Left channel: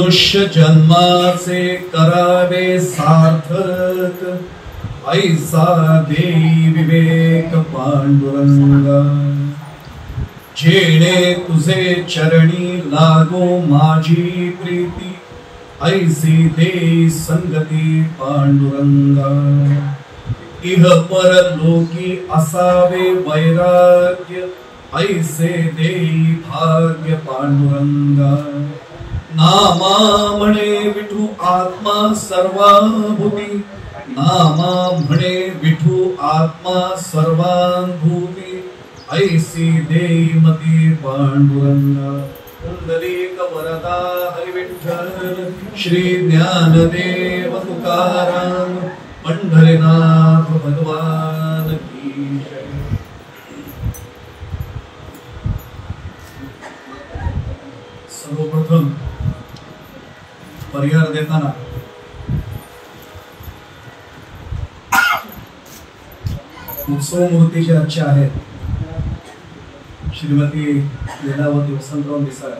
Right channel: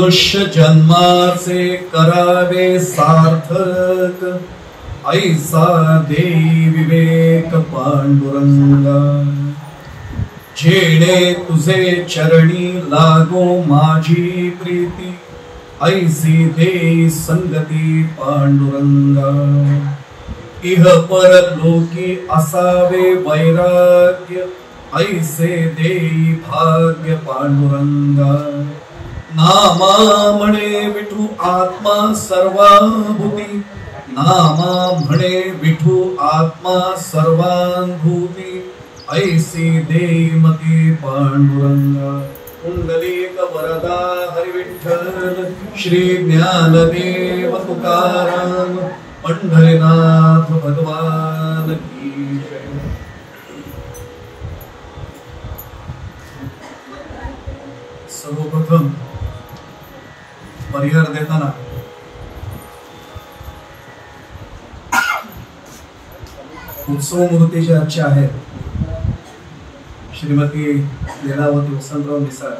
मनुष्य जन्माचे करावे सार्थक, ऐसा देई विवेक पांडुरंगा। जेणे तुझे चरणी लागो माझी प्रीती, ऐसी देई संगती पांडुरंगा। इह पर लोकी असावे वैराग्य, ऐसे देई भाग्य पांडुरंगा। नामा म्हणे विठू आत्मा सर्वाभूती, नामा म्हणे विठू आत्मा सर्वाभूती, ऐसी देई मती पांडुरंगा। पुंडलिक वरदा हरि विठ्ठल, श्री ज्ञानदेव तुकाराम, पंढरीनाथ भगवान की जय। सर्वप्रथम परिहार देताना उत्सव मूर्तीचे आजचे आहेत श्रीमती लीलावती वसंतराव मिसाळ,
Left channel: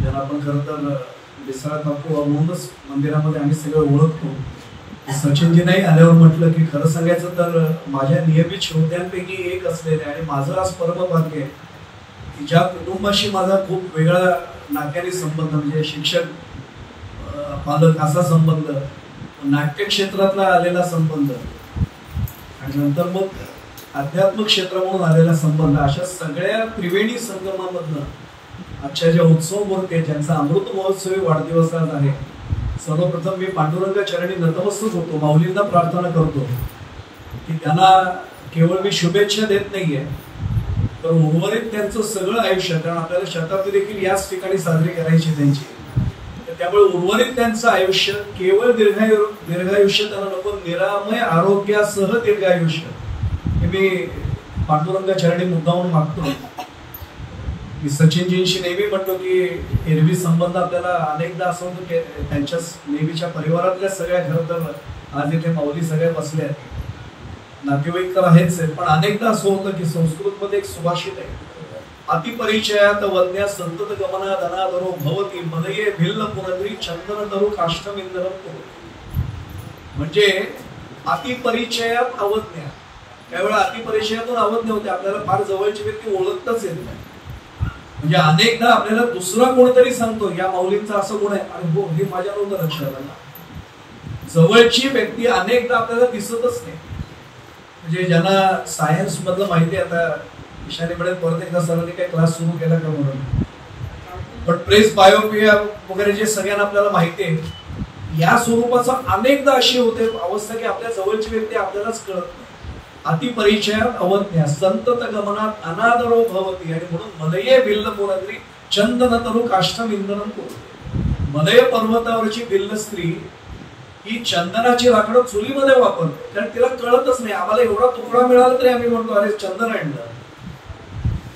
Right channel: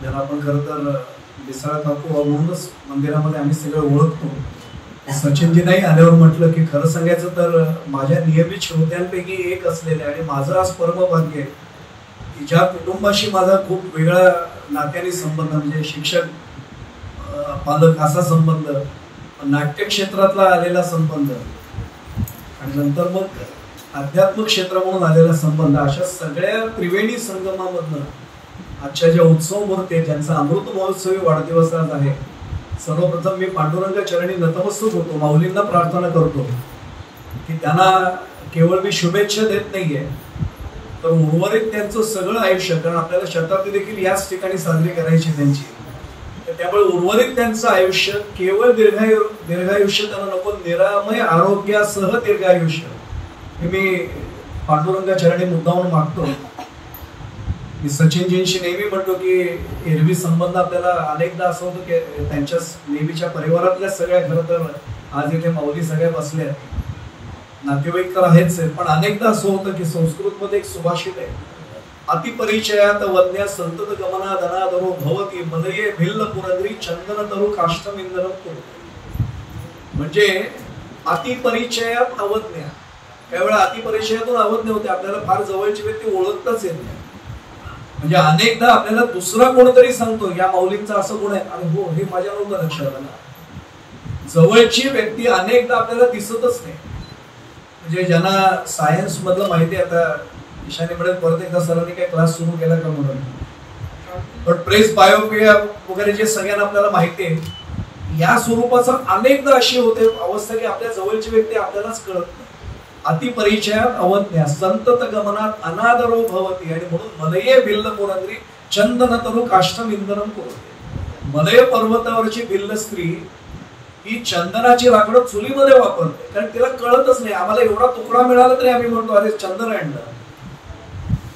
ज्याला आपण खरं तर मिसाळ काकू म्हणूनच मंदिरामध्ये आम्ही सगळे ओळखतो। सचिनजी नाही आल्यावर म्हटलं की खरं सांगायचं तर माझ्या नियमित श्रोत्यांपैकी एक असलेले आणि माझं आज परम भाग्य आहे की ज्या कुटुंबाशी माझा खूप वेगळा नात्याने संबंध, म्हणजे शिक्षक पालक असा संबंध, नाट्य क्षेत्रातला आलेला संबंध आणि नंतर मग आध्यात्मिक क्षेत्र म्हणून आलेला संबंध, अशा सगळ्या त्रिवेणी संगमामधनं आजच्या ज्या उत्सव मूर्ती ज्यांचा अमृत महोत्सवी वाढदिवस आज आहे, सर्वप्रथम मी पांडुरंग चरणी नतमस्तक होतो, माऊलींना प्रार्थना करतो की त्यांना केवळ मी शुभेच्छा देत नाहीये तर उर्वरित त्यांचं सगळं आयुष्य, कारण आपल्याला शताब्दी देखील याच ठिकाणी साजरी करायची त्यांची, तर त्यामुळे उर्वरित त्यांचं आयुष्य केवळ दीर्घायुष्य त्यांना नको, निरामय आरोग्यासह दीर्घायुष्य हे मी पांडुरंग चरणी मुद्दामून मागतो। मी सचिनजींशी नेहमी म्हणतो की एरवी संबंध आपल्याला अनेकदा असं होतं की त्यांच्या नेहमीच्या परिवारातल्या सगळ्या, खरं तर आज इथे माऊली सगळ्या बसल्या, नातेवाईक तर आहेच, पण अनेकदा असं होतं की संस्कृत मध्ये एक सुभाषित आहे, अतिपरिचयात वन्या संतत गमना धनाधरो भवती, मदये भिल्ल पुरंदरी चंदन तरु काष्ठमिंदरम कुरु। म्हणजे अतिपरिचयात अवज्ञा, त्यावेळेला अतिपरिचयातून अवज्ञा होते, आपल्याला फार जवळची व्यक्ती ओळखतच येत नाही, म्हणजे अनेकदा आपल्याला दुसरा कोणतरी सांगतो या माऊलींचा असं गुण आहे, आणि हो हे माझ्या नव्हतं लक्षात आलं, जवळची व्यक्ती अनेकदा आपल्याला दिसतच नाही। म्हणजे ज्यांना सायन्स मधलं माहिती, आता ईशानी मध्ये परत एकदा सरांनी काही क्लास सुरू केला का म्हणून, पण प्रेस बायोपिया वगैरे जे सगळ्यांना आपल्याला माहिती आहे, या स्वरूपाचा अनेकदा अशी होते अवस्था की आपल्या जवळची व्यक्ती आपल्यालाच कळत नाही। अतिपरिचयात अवज्ञा संतत गमनात अनादरो भवती, आणि म्हणून मलये भिल्ल पुरंदरी चंदन तरु काष्ठमिंदरम कुरु। मलय पर्वतावरची भिल्ल स्त्री ही चंदनाची लाकडं चुलीमध्ये वापरते, कारण तिला कळतच नाही, आम्हाला एवढा तुकडा मिळाला तरी आम्ही म्हणतो अरे चंदन आणलं।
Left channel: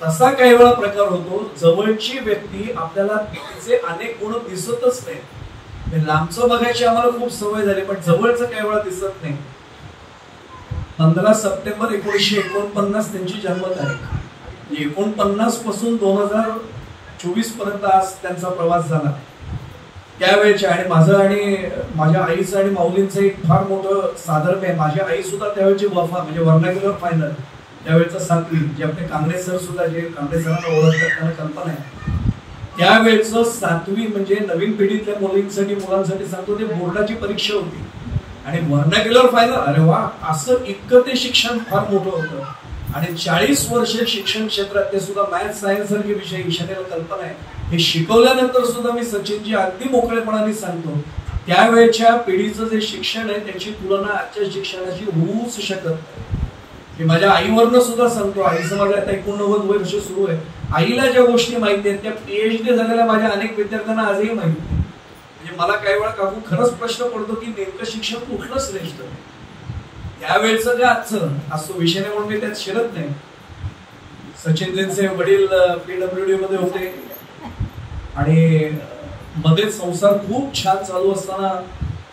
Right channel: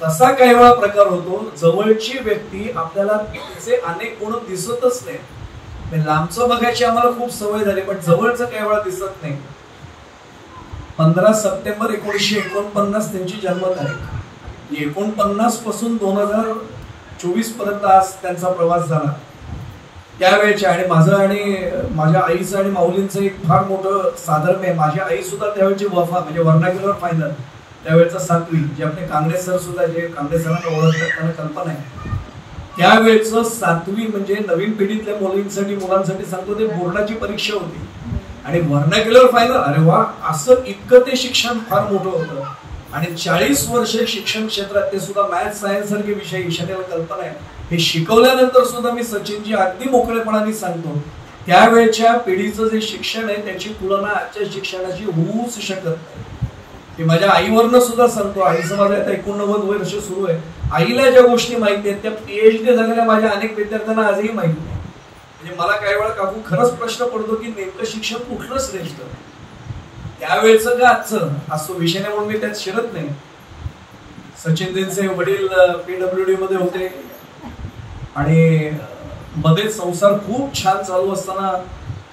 तसा काही वेळा प्रकार होतो, जवळची व्यक्ती आपल्याला तिचे अनेक गुण दिसतच नाही, लांबचं बघायची आम्हाला खूप सवय झाली, पण जवळचं काही वेळा दिसत नाही। 15 सप्टेंबर 1949 त्यांची जन्मतारीख, 49 पासून 2024 पर्यंत आज त्यांचा प्रवास झाला त्यावेळेच्या, आणि माझं आणि माझ्या आईचं आणि माऊलींचं एक फार मोठं साधर्म्य आहे। माझी आई सुद्धा त्यावेळेची वफा म्हणजे वर्नाक्युलर फायनल त्यावेळेचा 7वी, जे आपले काँग्रेस सर सुद्धा, जे काँग्रेस सरांना ओळखतात त्यांना कल्पना आहे, त्यावेळेचं 7वी म्हणजे नवीन पिढीतल्या मुलांसाठी सांगतो, ते बोर्डाची परीक्षा होती आणि वर्नाक्युलर फायनल, अरे वा, असं इतकं ते शिक्षण फार मोठं होतं, आणि 40 वर्ष शिक्षण क्षेत्रात ते सुद्धा मॅथ सायन्स सारखे विषय, ईशान्याला कल्पना आहे, हे शिकवल्यानंतर सुद्धा मी सचिनजी अगदी मोकळेपणाने सांगतो, त्यावेळेच्या पिढीचं जे शिक्षण आहे त्याची तुलना आजच्या शिक्षणाची होऊच शकत नाही। माझ्या आईवरनं सुद्धा सांगतो, आईचं माझ्या आता 89 वर्ष सुरू आहे, आईला ज्या गोष्टी माहिती आहेत त्या PhD झालेल्या माझ्या अनेक विद्यार्थ्यांना आजही माहिती नाही। म्हणजे मला काही वेळा काकू खरंच प्रश्न पडतो की नेमकं शिक्षण कुठलं श्रेष्ठ, त्यावेळेचं का आजचं, असं विषय नाही म्हणून मी त्यात शिरत नाही। सचिनजींचे वडील PWD मध्ये होते आणि मध्येच संसार खूप छान चालू असताना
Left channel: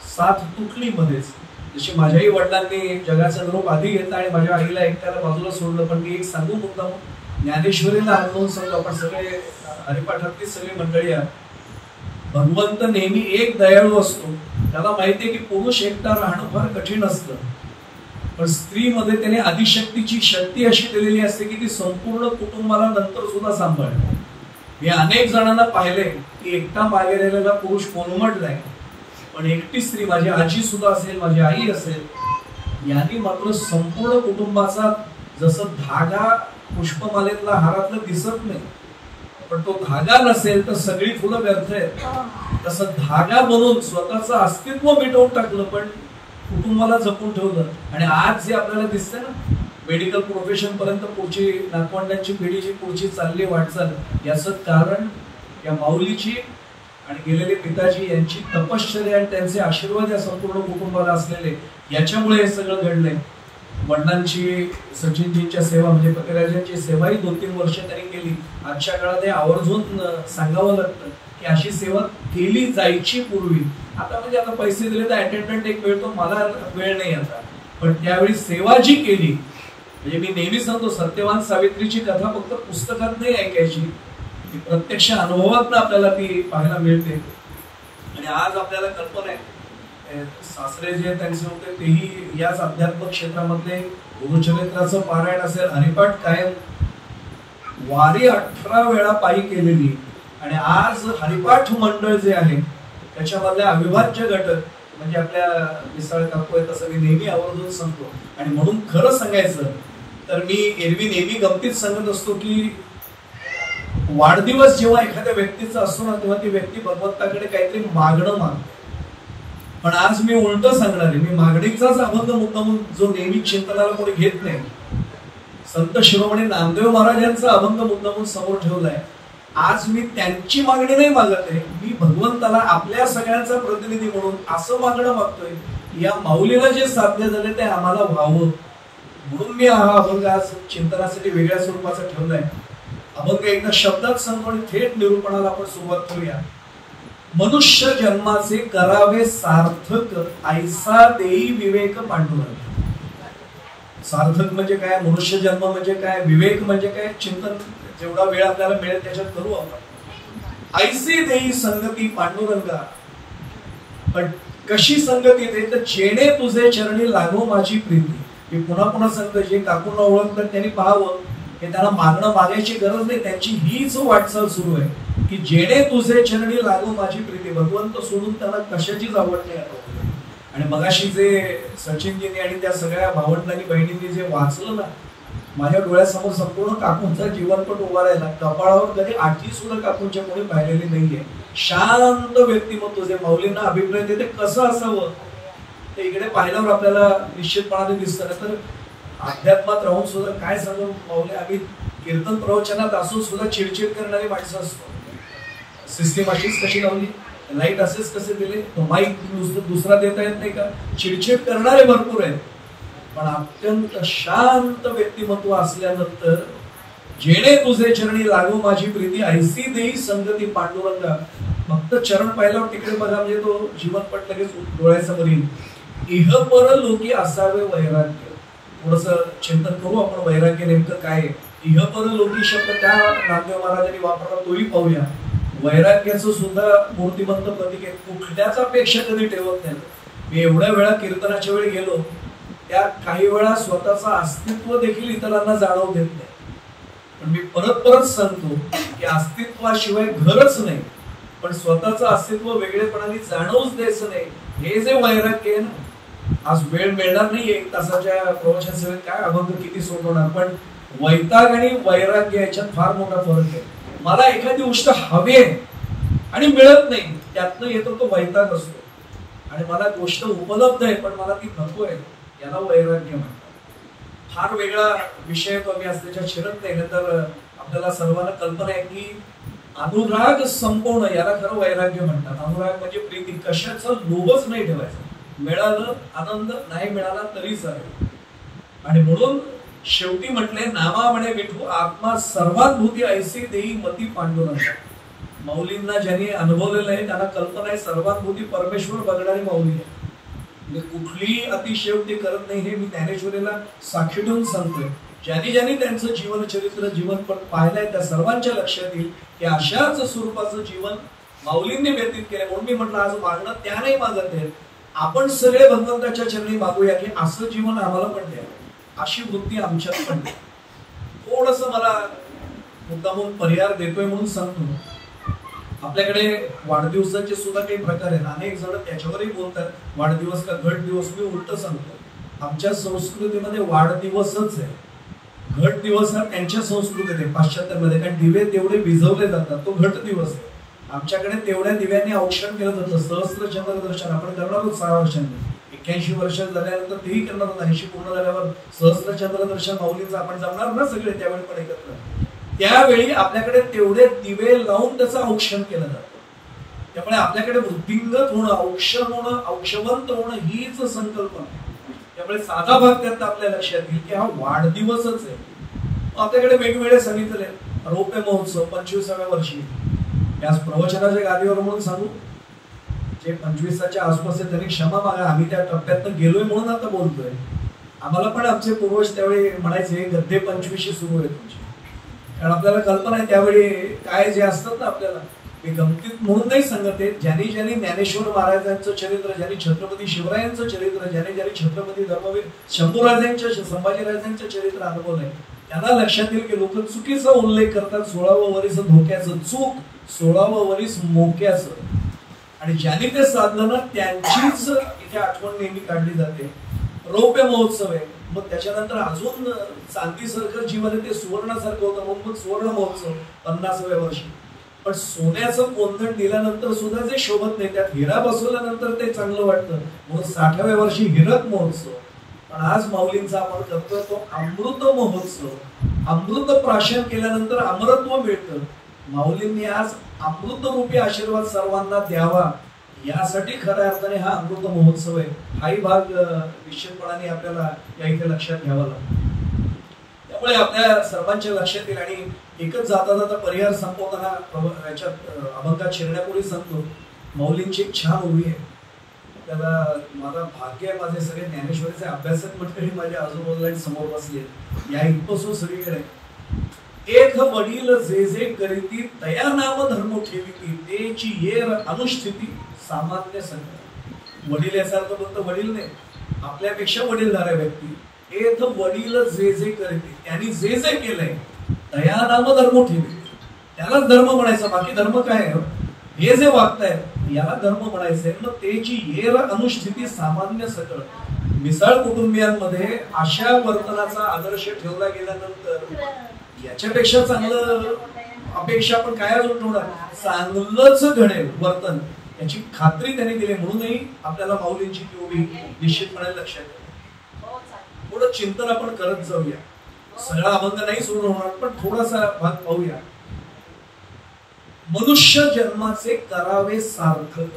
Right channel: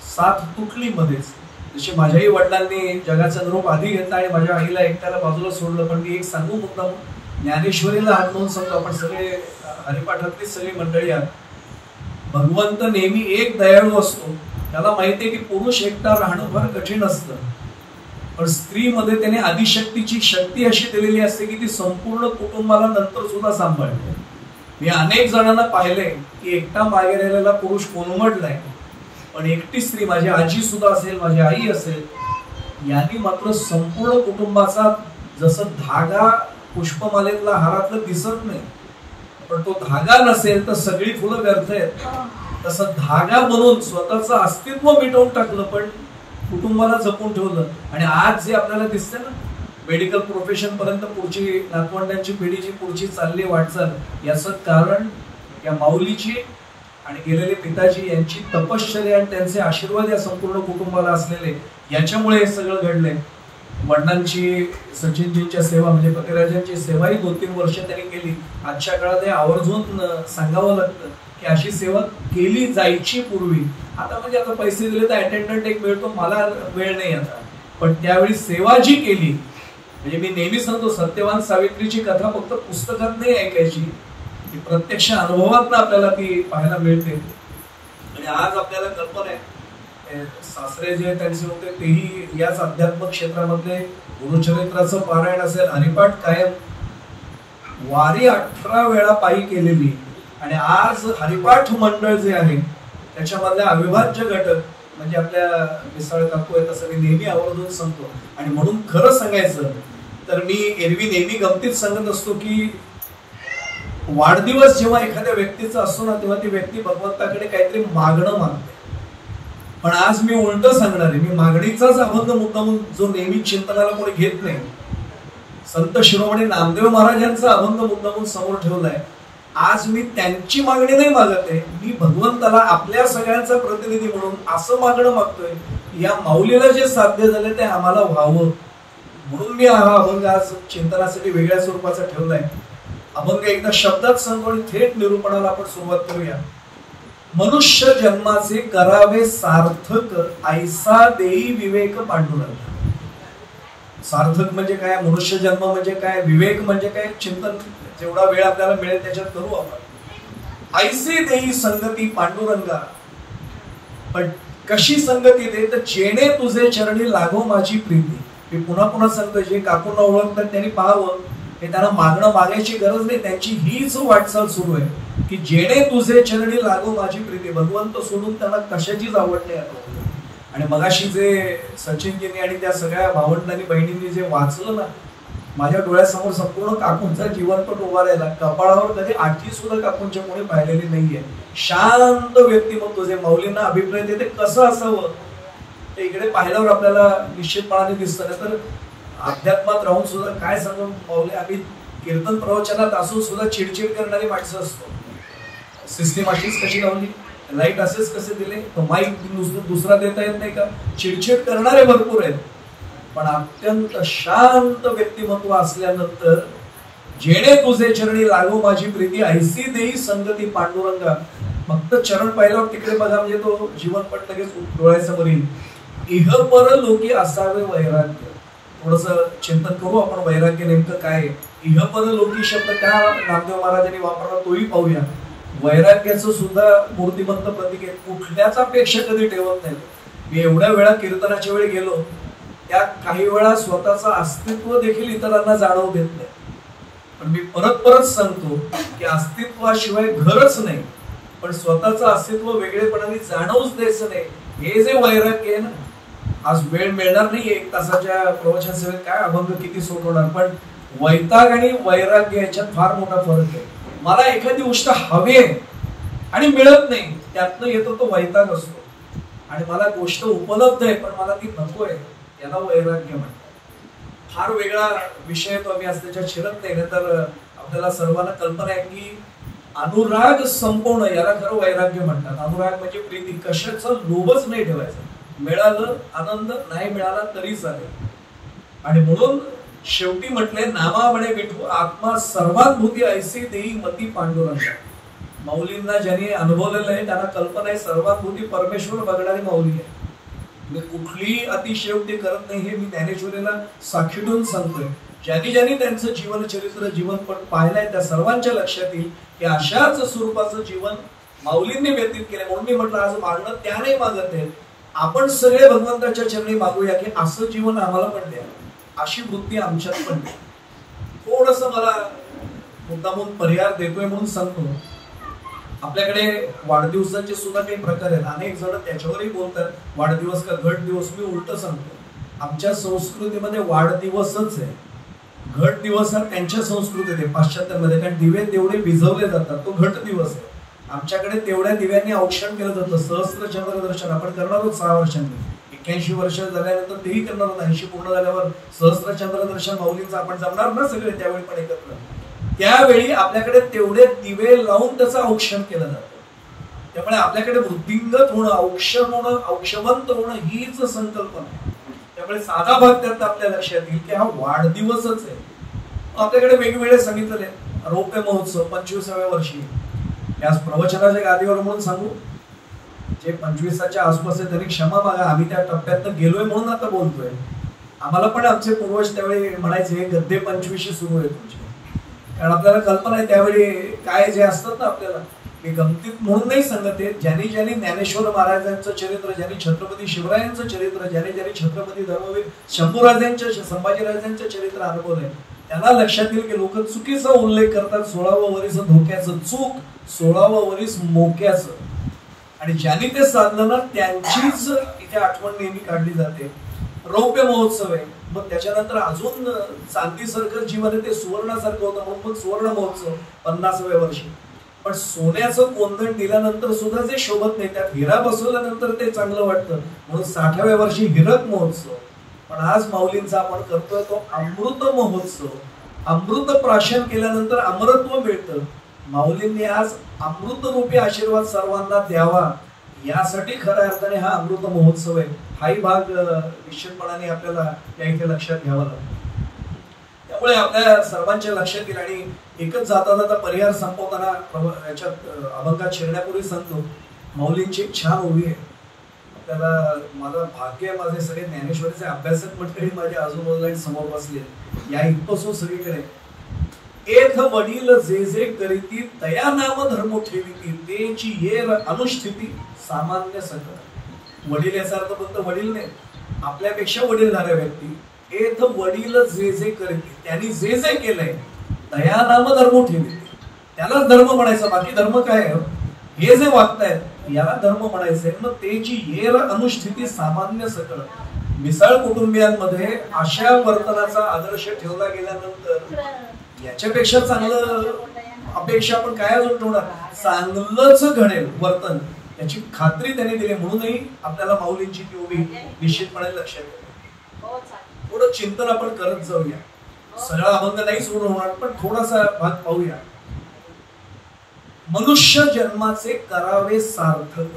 साथ तुटली मध्येच, जशी माझ्याही वडिलांनी जगाचा निरोप आधी घेतला आणि माझ्या आईला एकट्याला बाजूला सोडलं, पण मी एक सांगू मुद्दा, ज्ञानेश्वरीला हात म्हणून सांगतो, आपण सगळे हरिपाठातली सगळी मंडळी आहात, भगवंत नेहमी एक दयाळू असतो. त्याला माहितीये की पुरुष एकटा राहणं फार कठीण असतं, पण स्त्रीमध्ये त्याने आदिशक्तीची शक्ती अशी दिलेली असते की ती संपूर्ण कुटुंबाला नंतर सुद्धा सांभाळते. मी अनेक जणांना पाहिलंय की एकटा मागे राहिलेला पुरुष कोलमडलाय, पण एकटी स्त्री, माझी आजी सुद्धा असेल, माझी आई असेल, यांनी मात्र संपूर्ण कुटुंबाचा, जसं धागा पुष्पमालेतला हारातलं दिसत नाही, पण तो धागा नसेल तर सगळी फुलं व्यर्थ आहेत, तसं धागा बनवून स्वतःचं अस्तित्व मिटवून टाकलं पण कुटुंबाला जपून ठेवलं. आणि आज जे आपल्याला दिसतंय ना, मेडिकल प्रोफेशन पर्यंत पुढची नातवंडांची पिढी जी पुढची चालली वाटचाल, याचं कारण या माऊलीची आणि गेलेले पिताजी यांची तपश्चर्या आणि त्यांचे आशीर्वाद या संपूर्ण कुटुंबाला असलेले, याच्यामुळे हे सगळं घडलंय. वडिलांची, सचिनजींच्या सेवा म्हणजे पतिराजांची सेवाही 2-3 वर्ष त्यांनी केली. आजच्या काळात हे आवर्जून सांगावं लागतं की अशी सेवा केली जायची पूर्वी. आता म्हणजे आता पैसे दिले तर अटेंडंट एक मिळतो, मला वेळ नाही आता, पण त्यावेळी सेवा जी केली, म्हणजे मी नेहमी सांगतो, सत्यवान सावित्रीची कथा फक्त पुस्तकात नाही ऐकायची, ती प्रत्यक्ष अनुभवात आपल्याला ती पाहायला मिळते. आणि आज आपल्याला कल्पना आहे, सासरे जे त्यांचे होते तेही याच अध्यात्म क्षेत्रामधले, गुरुचरित्राचं पारायण असेल, हरिपाठ कायम, वारी 18 वेळा पायी केलेली. आणि आज हरिपाठ मंडळ जे आहे त्याच्यामधले अविभाज्य घटक म्हणजे आपल्या मिसाळ काकू आहे, तसं मी नेहमी आवर्जून सांगतो. आणि म्हणून खरं सांगायचं तर मी एरवी नेहमी गमतीत सांगत असतो की वाढदिवस जेव्हा एखाद्या व्यक्तीचा असतो ना, तेव्हा ती व्यक्ती भगवंताकडे काहीतरी मागणं मागते. पण आज मी उलट सांगणार आहे, मी मागणीचाच अभंग मुद्दाम जो नेहमी चिंतनाला कोणी घेत नाही, संत शिरोमणी नामदेव महाराजांचा अभंग मुद्दामून समोर ठेवलाय. आज मी त्यांची मागणी नाही मागत आहे, मी भगवंताला आपल्या सगळ्यांचा प्रतिनिधी म्हणून असं मागणं मागतोय, या माऊलीला जे साध्य झाले ते आम्हाला व्हावं. म्हणून मी हा अभंग आज चिंतनासाठी वेगळ्या स्वरूपाचा ठेवलाय. अभंग एकदा शब्दात सांगतो आणि थेट निरूपणाला आपण सुरुवात करूया. मनुष्य जन्माचे करावे सार्थक, ऐसा देई विवेक पांडुरंग. सार्थक म्हणजे काय, मनुष्य जन्म म्हणजे काय, विवेक म्हणजे काय, चिंतन जेवढा वेळ आपल्याला मिळेल त्याच्यात करू आपण. ऐसे देई संगती पांडुरंगा, पण कशी संगती दे तर जेणे तुझे चरणी लागो माझी प्रीती. मी पुन्हा पुन्हा सांगतो, जे काकूंना ओळखतात त्यांनी पाहावं, हे त्यांना मागणं मागायची गरज नाही, त्यांची हीच वाटचाल सुरू आहे की जेणे तुझे चरणी लागो माझी प्रीती. भगवंत सोडून त्यांना कशाचीच आवड नाही आता. आणि मगाशी जे सचिनजींनी आणि त्या सगळ्या भावंडांनी बहिणींनी जे वाचलं ना, माझ्या डोळ्यासमोर संपूर्ण काकूंचा जीवनपट उभा राहिला. कपाळावर कधी आठी सुद्धा काकूंच्या कोणी पाहिलेली नाहीये. शांत व्यक्तिमत्व जे माऊलींना अभिप्राय देते कसं असावं ते इकडे पाहिल्यावर आपल्याला निश्चितपणाने दिसतं. तर अध्यात्मात राहून सुद्धा काय सांगून माऊली, आम्ही कीर्तन प्रवचनात असून सुद्धा चिडचिड करणारी माणसं असतो. सिस्टीम अशीच कशी लावली, लाईट असेच कसे दिले, तो माईक दुसरा देता येत नाही का, चिडचिड करणारे भरपूर आहेत. पण अत्यंत शांत व्यक्तिमत्व असल्यानंतर जेणे तुझे चरणी लागो माझी प्रीती, ऐसी देई संगती पांडुरंगा. फक्त चरण पाहिल्यावर तिकडे बघा म्हणजे तो जीवनपट लगेच डोळ्यासमोर येईल. इह पर लोकी असावे वैराग्य. थोडस चिंतन करू आपण, वैराग्य नेमकं काय. इह पर लोकी शब्द का नामदेव महाराजांनी वापरला तोही पाहूया. वैराग्याचं सुद्धा मूर्तिमंत प्रतीक आहे. कुठल्याच अपेक्षा कधी ठेवत नाही. मी एवढ्या वेळा कीर्तनाच्या वेळी गेलो, त्या काही वेळा स्वतःचं अस्तित्व देखील इतरांना जाणवू देत नाही. पण मी परत परत सांगतो की अस्तित्वाशिवाय घरच नाही, पण स्वतःचं अस्तित्व वेगळेपणाने जाणवूच द्यायचं नाही. हे जे वैराग्य आहे ना, आज वेळ मिळणार नाही 1 तासाच्या प्रवचन सेवेत, काय अभंग किती सोडवणार, पण वैताग आणि वैराग्य याच्यात फार मोठा फरक आहे. मला एखादी गोष्ट हवी आहे आणि मिळत नाही, त्यातनं येतो तो वैताग असतो. आणि मला गोष्ट उपलब्ध आहे पण मला ती नको आहे, याला वैराग्य म्हणतात. फार वेगळा विषय तो, आम्ही आज त्याच्यात शिरत नाही. तर आपल्याला सर्वांना कल्पना आहे की अनुराग संपवणं याला खरं वैराग्य म्हणतात. अनुराग म्हणजे प्रीती, कशाचं लोभच नाही ठेवायचं. मिळालं आनंद, नाही मिळाला तरी चालेल. आणि म्हणून शेवटी म्हटलंय, नामा म्हणे विठू आत्मा सर्वानुभूती ऐसी देई मती पांडुरंगा. माऊलींना ज्यांनी अनुभवलेलं आहे त्यांना कल्पना आहे, सर्वानुभूती परमेश्वर बघणारी माऊली आहे. कुठली अतिशयोक्ती करत नाही, हे मी ज्ञानेश्वरीला साक्षी ठेवून सांगतोय. ज्यांनी त्यांचं जीवन चरित्र, जीवनपट पाहिलंय त्या सर्वांच्या लक्षात येईल की अशाच स्वरूपाचं जीवन माऊलींनी व्यतीत केले. म्हणून मी म्हटलं आज मागणं त्या नाही मागत आहेत, आपण सगळे भगवंताच्या चरणी मागूया की असं जीवन आम्हाला पण द्या, अशी वृत्ती आमच्यात पण द्या. थोडस मला मुद्दामून पर्याय देतोय म्हणून सांगतो. आपल्याकडे वाढदिवसाचे सुद्धा काही प्रकार आहेत. अनेक जण त्याच्यावरही बोलतात वाढदिवस का घट दिवस. मी उलट सांगतो, आमच्या संस्कृतीमध्ये वाढदिवसच आहे, घट दिवस हा त्यांच्या संस्कृतीत आहे पाश्चात्यामध्ये. कारण दिवे तेवढे विझवले जातात, तो घट दिवस आहे. आमच्याकडे तेवढ्या दिव्यांनी औक्षण केलं जातं. सहस्त्र चंद्र दर्शन आपण करणार आहोत 6 वर्षांनी. 81 वर्ष झाल्यानंतर तेही करणार आहोत. 80 पूर्ण झाल्यावर सहस्त्र चंद्र दर्शन माऊलींचं आपण जमणार ना सगळे त्यावेळी पण एकत्र. त्यावेळी आपल्याकडे तेवढे दिवे लावून त्याचं औक्षण केलं जातं. त्यामुळे आपल्याकडे वृद्धिंगत होणं, औक्षण होणं, औक्षवंत होणं हीच संकल्पना. त्यामुळे साधा भाग करता आपल्या लक्षात येईल की हा वाढदिवसच आहे. आपल्याकडे वेगवेगळे सांगितले रौप्य महोत्सव 25व्या वर्षी. याच प्रवचनाच्या गादीवर म्हणून सांगू, जे 25च्या आसपास आहे त्यांनी क्षमा मागा. आम्ही त्या टप्प्यात गेलोय म्हणून आता बोलतोय. आम्हाला पण आमचे पूर्वज त्यावेळी म्हणायचे गद्दे 25 सुरू आहे तुमचे. कारण आपल्याला कल्पना आहे त्यावेळी काय जे असतात ना आपल्याला हे गमतीत म्हणून नाही सांगत आहे. ज्यांनी ज्यांनी ज्ञानेश्वर महाराजांचं चरित्र, ज्यांनी छत्रपती शिवरायांचं चरित्र, ज्यांनी ज्यांनी छत्रपती धर्मवीर शंभूराजांचं, संभाजीराजांचं चरित्र अनुभवलंय त्यांना लक्षात येईल की लोक चुकीचा उल्लेख करतात. 16वं वरीस धोक्याचं, चूक 16वं वरीस मोक्याचं. आणि ज्यांनी ते साधलं ना त्यांचीच इथे आठवण नेहमी काढली जाते. रौप्य महोत्सव आहे, मग त्याच्यानंतर अजून चांदीसारखं जीवन आहे ते सुवर्णासारखं होतं म्हणून मग सुवर्ण महोत्सव 50व्या वर्षी. पण सोन्याचं कोंदण दिल्यानंतर सुद्धा जे शोभत नाही, त्यात हिरा बसवल्यानंतर ते चांगलं वाटतं म्हणून 60व्या वर्षी हिरक महोत्सव. पण आज माऊलींचा आपण करतोय तो अमृत महोत्सव. अमृत प्राशन केल्यानंतर अमरत्व मिळतं. माऊलींनी आज अमृत रूपी आशीर्वाद सर्वांना द्यावा यासाठी खऱ्या अर्थाने हा अमृत महोत्सव आहे. हाही भाग निश्चितपणाने आपल्याला या इथे लक्षात घ्यावा लागतो. त्यामुळे आपल्या सर्वांच्या लक्षात येईल. आणि एकच जाता जाता परिहार संपवताना याच्यात अभंगात शिरण्यापूर्वी सांगतो, माऊलींची एक छान ओवी आहे. आपल्याला माझं भाग्य आहे, माझे सगळे ज्ञानेश्वरीचे अभ्यासक मंडळी माझ्या आजूबाजूला समोर बसले या इथपासून सगळीकडे. एक वडील जे जे करीती तया नाम धर्म ठेविती तेची येर अनुष्ठिती सामान्य सकळ. वडील याचा अर्थ फक्त वडील नाही, आपल्यापेक्षा वडीलधाऱ्या व्यक्ती. एक वडील जे जे करीती, त्यांनी जे जे केलंय तया नाम धर्म ठेविती, त्यालाच धर्म म्हणायचं. बाकी धर्म काय आहे? हे जे वागतायत याला धर्म म्हणायचंय. मग तेची येर अनुष्ठिती सामान्य सकळ. मिसळ कुटुंबियांमध्ये अशा वर्तनाचा आदर्श ठेवला गेल्यानंतर याच्यापेक्षा चांगलं अपेक्षा पण काय अजून ठेवणार? चांगलंच घडेल वर्तन याची खात्री त्यांनी दिली. म्हणूनही आपल्याला माऊलींची ती उभी निश्चितपणे लक्षात येईल. थोडं चिंतन आपण करत जाऊया. सगळा अभंग नाही सोडून होणार पण थोडासा भाग पाहूया. मनुष्य जन्माचे करावे सार्थक.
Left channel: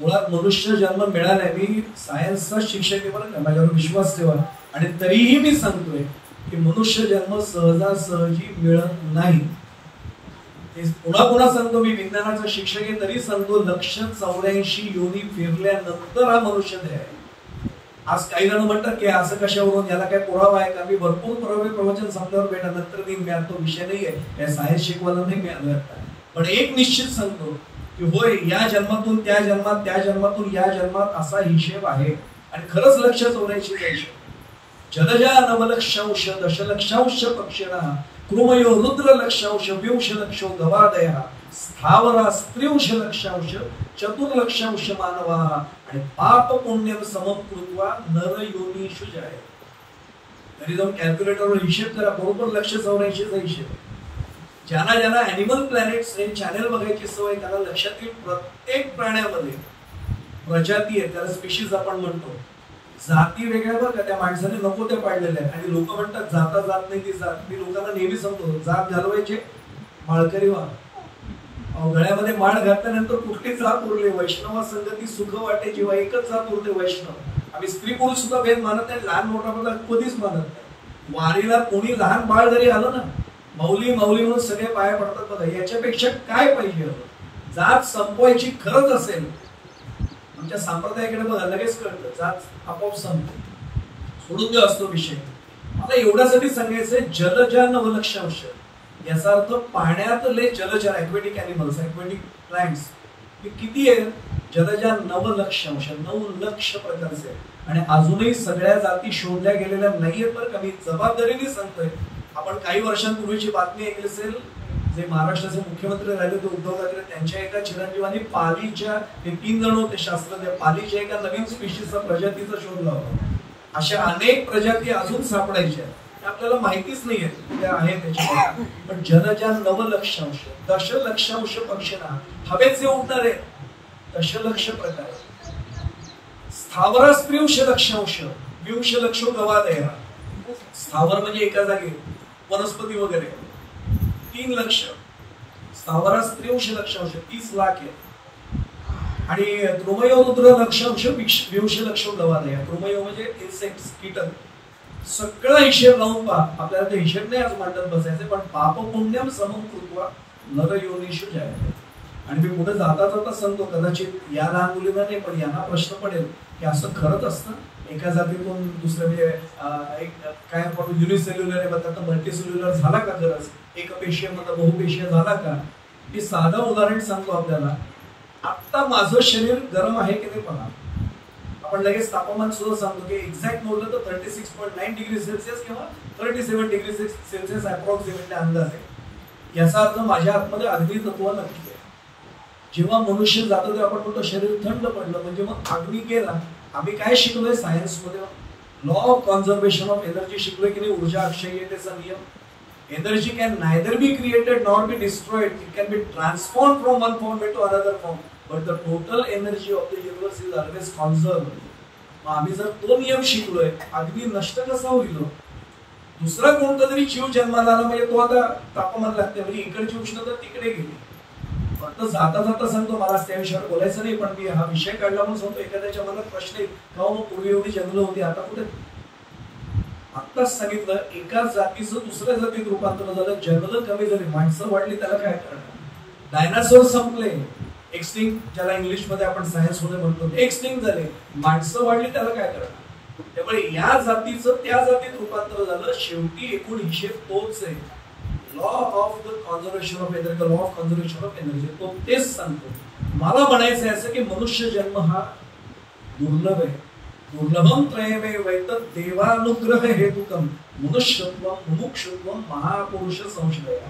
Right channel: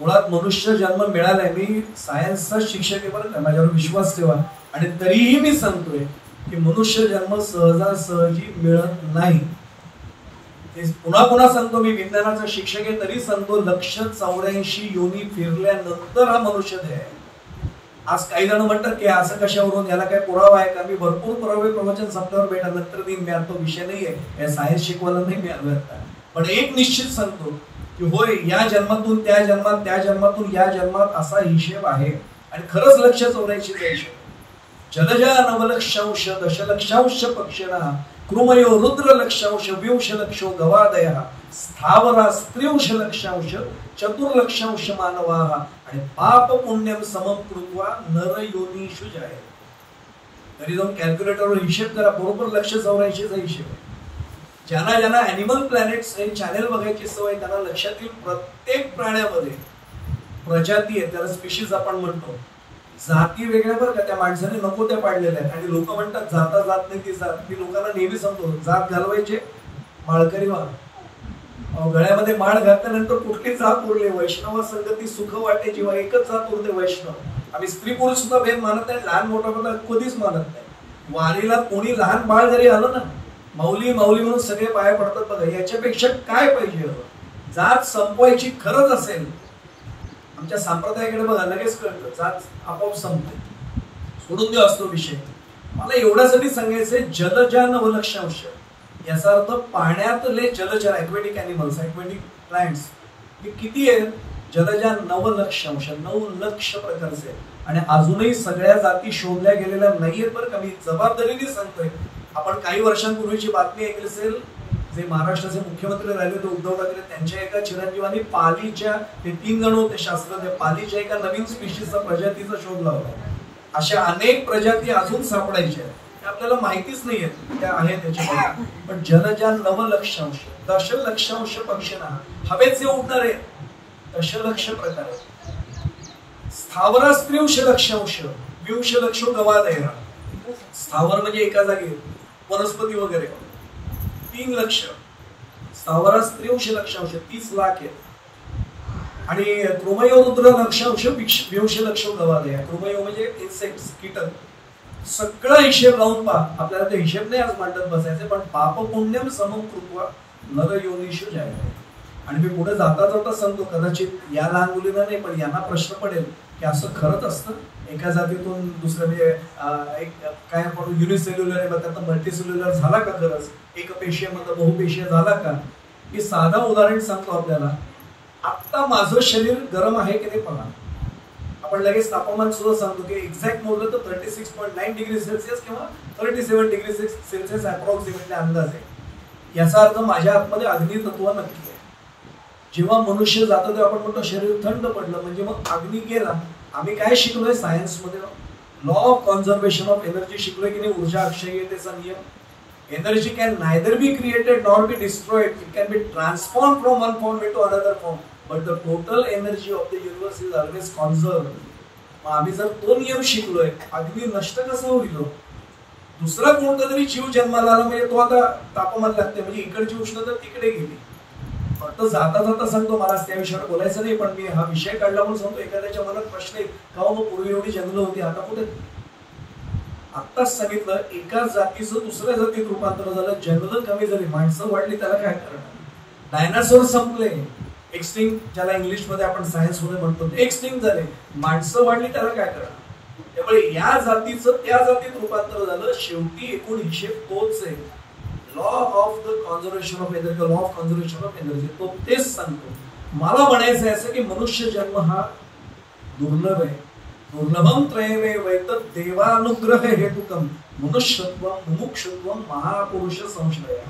मुळात मनुष्य जन्म मिळालाय. मी सायन्सचा शिक्षक आहे बरं का, माझ्यावर विश्वास ठेवा. आणि तरीही मी सांगतोय की मनुष्य जन्म सहजासहजी मिळत नाही. पुन्हा पुन्हा सांगतो, मी विज्ञानाचा शिक्षक आहे तरी सांगतो 184 योनी फिरल्यानंतर हा मनुष्य देह आहे. आज काही जण म्हणतात की असं कशावरून, याला काय पुरावा आहे का? मी भरपूर पुरावे प्रवचन संपल्यावर भेटल्यानंतर देईन. मी आता विषय नाहीये, सायन्स शिकवायला नाही मी आलो. पण एक निश्चित सांगतो की होय, या जन्मातून त्या जन्मात, त्या जन्मातून या जन्मात असा हिशेब आहे. आणि खरंच 184 हिशेब. जलजा नवलक्षांश दशलक्षांश पक्षिणा कृमयो रुद्र लक्षांश 20 लक्षो गवादया स्थावरा स्त्रिंश लक्षांश चतुर्लक्षांश मानवा आणि पाप पुण्यम समकृत्वा नर योनीषु जाय. तरी जाऊन कॅल्क्युलेटरवर हिशेब करा, बरोबर 184चा हिशेब. ज्यांना ज्यांना अॅनिमल प्लॅनेट्स हे चॅनेल बघायची सवय त्यांना लक्षात येईल प्रत्येक प्राण्यामध्ये प्रजाती आहे, त्याला स्पीशीज आपण म्हणतो. जाती वेगळ्या बरं का, त्या माणसाने नको त्या पाडलेल्या आहेत. आणि लोक म्हणतात जाता जात नाही ती जात. मी लोकांना नेहमी सांगतो जात घालवायचे माळकरी व्हा. गळ्यामध्ये माळ घातल्यानंतर कुठली जात उरली? वैष्णव संगती सुख वाटे जेव्हा एकच जात उरते वैष्णव. आम्ही स्त्री पुरुष सुद्धा भेद मानत नाही, लहान मोठा सुद्धा कधीच मानत नाही. वारीला कोणी लहान बाळ जरी आलं ना, माऊली माऊली म्हणून सगळे पाया पडतात. बघा याच्यापेक्षा काय पाहिजे? जात संपवायची खरंच असेल, आमच्या संप्रदायाकडे बघा लगेच कळतं, जात आपोआप संपते. सोडून देऊ असतो विषय. मला एवढ्यासाठी सांगायचंय जलजा नवलक्षांश याचा अर्थ पाण्यातले जलचर, ॲक्वेटिक ॲनिमल्स, ॲक्वेटिक प्लांट्स हे किती आहेत? जलजा 9 लक्ष अंश, 9 लक्ष प्रकारचे. आणि अजूनही सगळ्या जाती शोधल्या गेलेल्या नाहीयेत बरं का. मी जबाबदारीने सांगतोय. आपण काही वर्षांपूर्वीची बातमी ऐकली असेल, जे महाराष्ट्राचे मुख्यमंत्री राहिले होते उद्धव ठाकरे, त्यांच्या एका चिरंजीवांनी पालीच्या, ते 3 जण होते शास्त्रज्ञ, पालीच्या एका नवीन स्पीशीजचा प्रजातीचा शोध लावला. अशा अनेक प्रजाती अजून सापडायच्या आपल्याला माहितीच नाहीये त्या आहेत त्याच्यामध्ये. पण जलजा 9 लक्षांश, दशलक्षांश पक्षींना हवेचे उडणारे दशलक्ष प्रकार आहेत. स्थावरास 23 लक्षांश, 20 लक्ष गवादया. स्थावर म्हणजे एका जागी वनस्पती वगैरे 3 लक्ष. स्थावरास 23 लक्षांश 30 लाख आहेत. आणि कृमयो रुद्र लक्षांश 20 लक्ष गवादया. कृमयो म्हणजे इन्सेक्ट्स, कीटक. सगळा हिशेब लावून पहा. आपल्याला ते हिशेब नाही आज मांडत बसायचे, पण पाप पुण्यम समम कृत्वा नर योनिषु जायते. आणि मी पुढे जाता जाता सांगतो, कदाचित या लहान मुलींना नाही पण यांना प्रश्न पडेल की असं खरंच असतं एका जातीतून दुसऱ्या, म्हणजे एक काय आपण युनिसेल्युलर आहे त्यात मल्टीसेल्युलर झाला का खरंच, एक पेशीमध्ये बहुपेशीय झाला का. मी साधा उदाहरण सांगतो आपल्याला. आता माझं शरीर गरम आहे की नाही पहा. आपण लगेच तापमान सुद्धा सांगतो की एक्झॅक्ट मोजलं तर 36.9 डिग्री सेल्सिअस किंवा 37 डिग्री सेल्सिअस अप्रॉक्सिमेटली अंदाज आहे. याचा अर्थ माझ्या आतमध्ये अग्नी तत्व नक्की आहे. जेव्हा मनुष्य जातो तेव्हा आपण म्हणतो शरीर थंड पडलं, म्हणजे मग अग्नी केला. आम्ही काय शिकलोय सायन्समध्ये? Law of conservation of energy शिकलोय की नाही? ऊर्जा अक्षय्यतेचा नियम. Energy can neither be created nor be destroyed, it can be transform from one form to another form, but the total energy of the universe is always conserve. आम्ही जर तो नियम शिकलोय, अग्नी नष्ट कसा होईल? दुसरा कोणता तरी जीव जन्माला आला म्हणजे तो आता तापमान लागते, म्हणजे इकडची उष्णता तिकडे गेली. फक्त जाता जाता सांगतो, मला त्या विषयावर बोलायचं नाही, पण मी हा विषय काढला म्हणून सांगतो. एखाद्याच्या मनात प्रश्न आहे का, मग पूर्वी एवढी जंगलं होती आता कुठे? आत्ताच सांगितलं, एका जातीचं दुसऱ्या जातीत रूपांतर झालं, जंगलं कमी झाली, माणसं वाढली, त्याला काय करणार? डायनासोर संपले, एक्सटिंक्ट, ज्याला इंग्लिश मध्ये आपण सायन्स मध्ये म्हणतो, एक्सटिंक्ट झाले, माणसं वाढली, त्याला काय करणार? त्यामुळे या जातीचं त्या जातीत रूपांतर झालं. शेवटी एकूण हिशेब तोच आहे. Law of the conservation of energy, law of conservation of energy, तो तेच सांगतो. मला म्हणायचं आहे असं की मनुष्य जन्म हा दुर्लभ आहे. दुर्लभम त्रयवे वैतत देवानुग्रह हेतुकम मनुष्यत्व मुमुक्षुत्व महापुरुष संश्रया.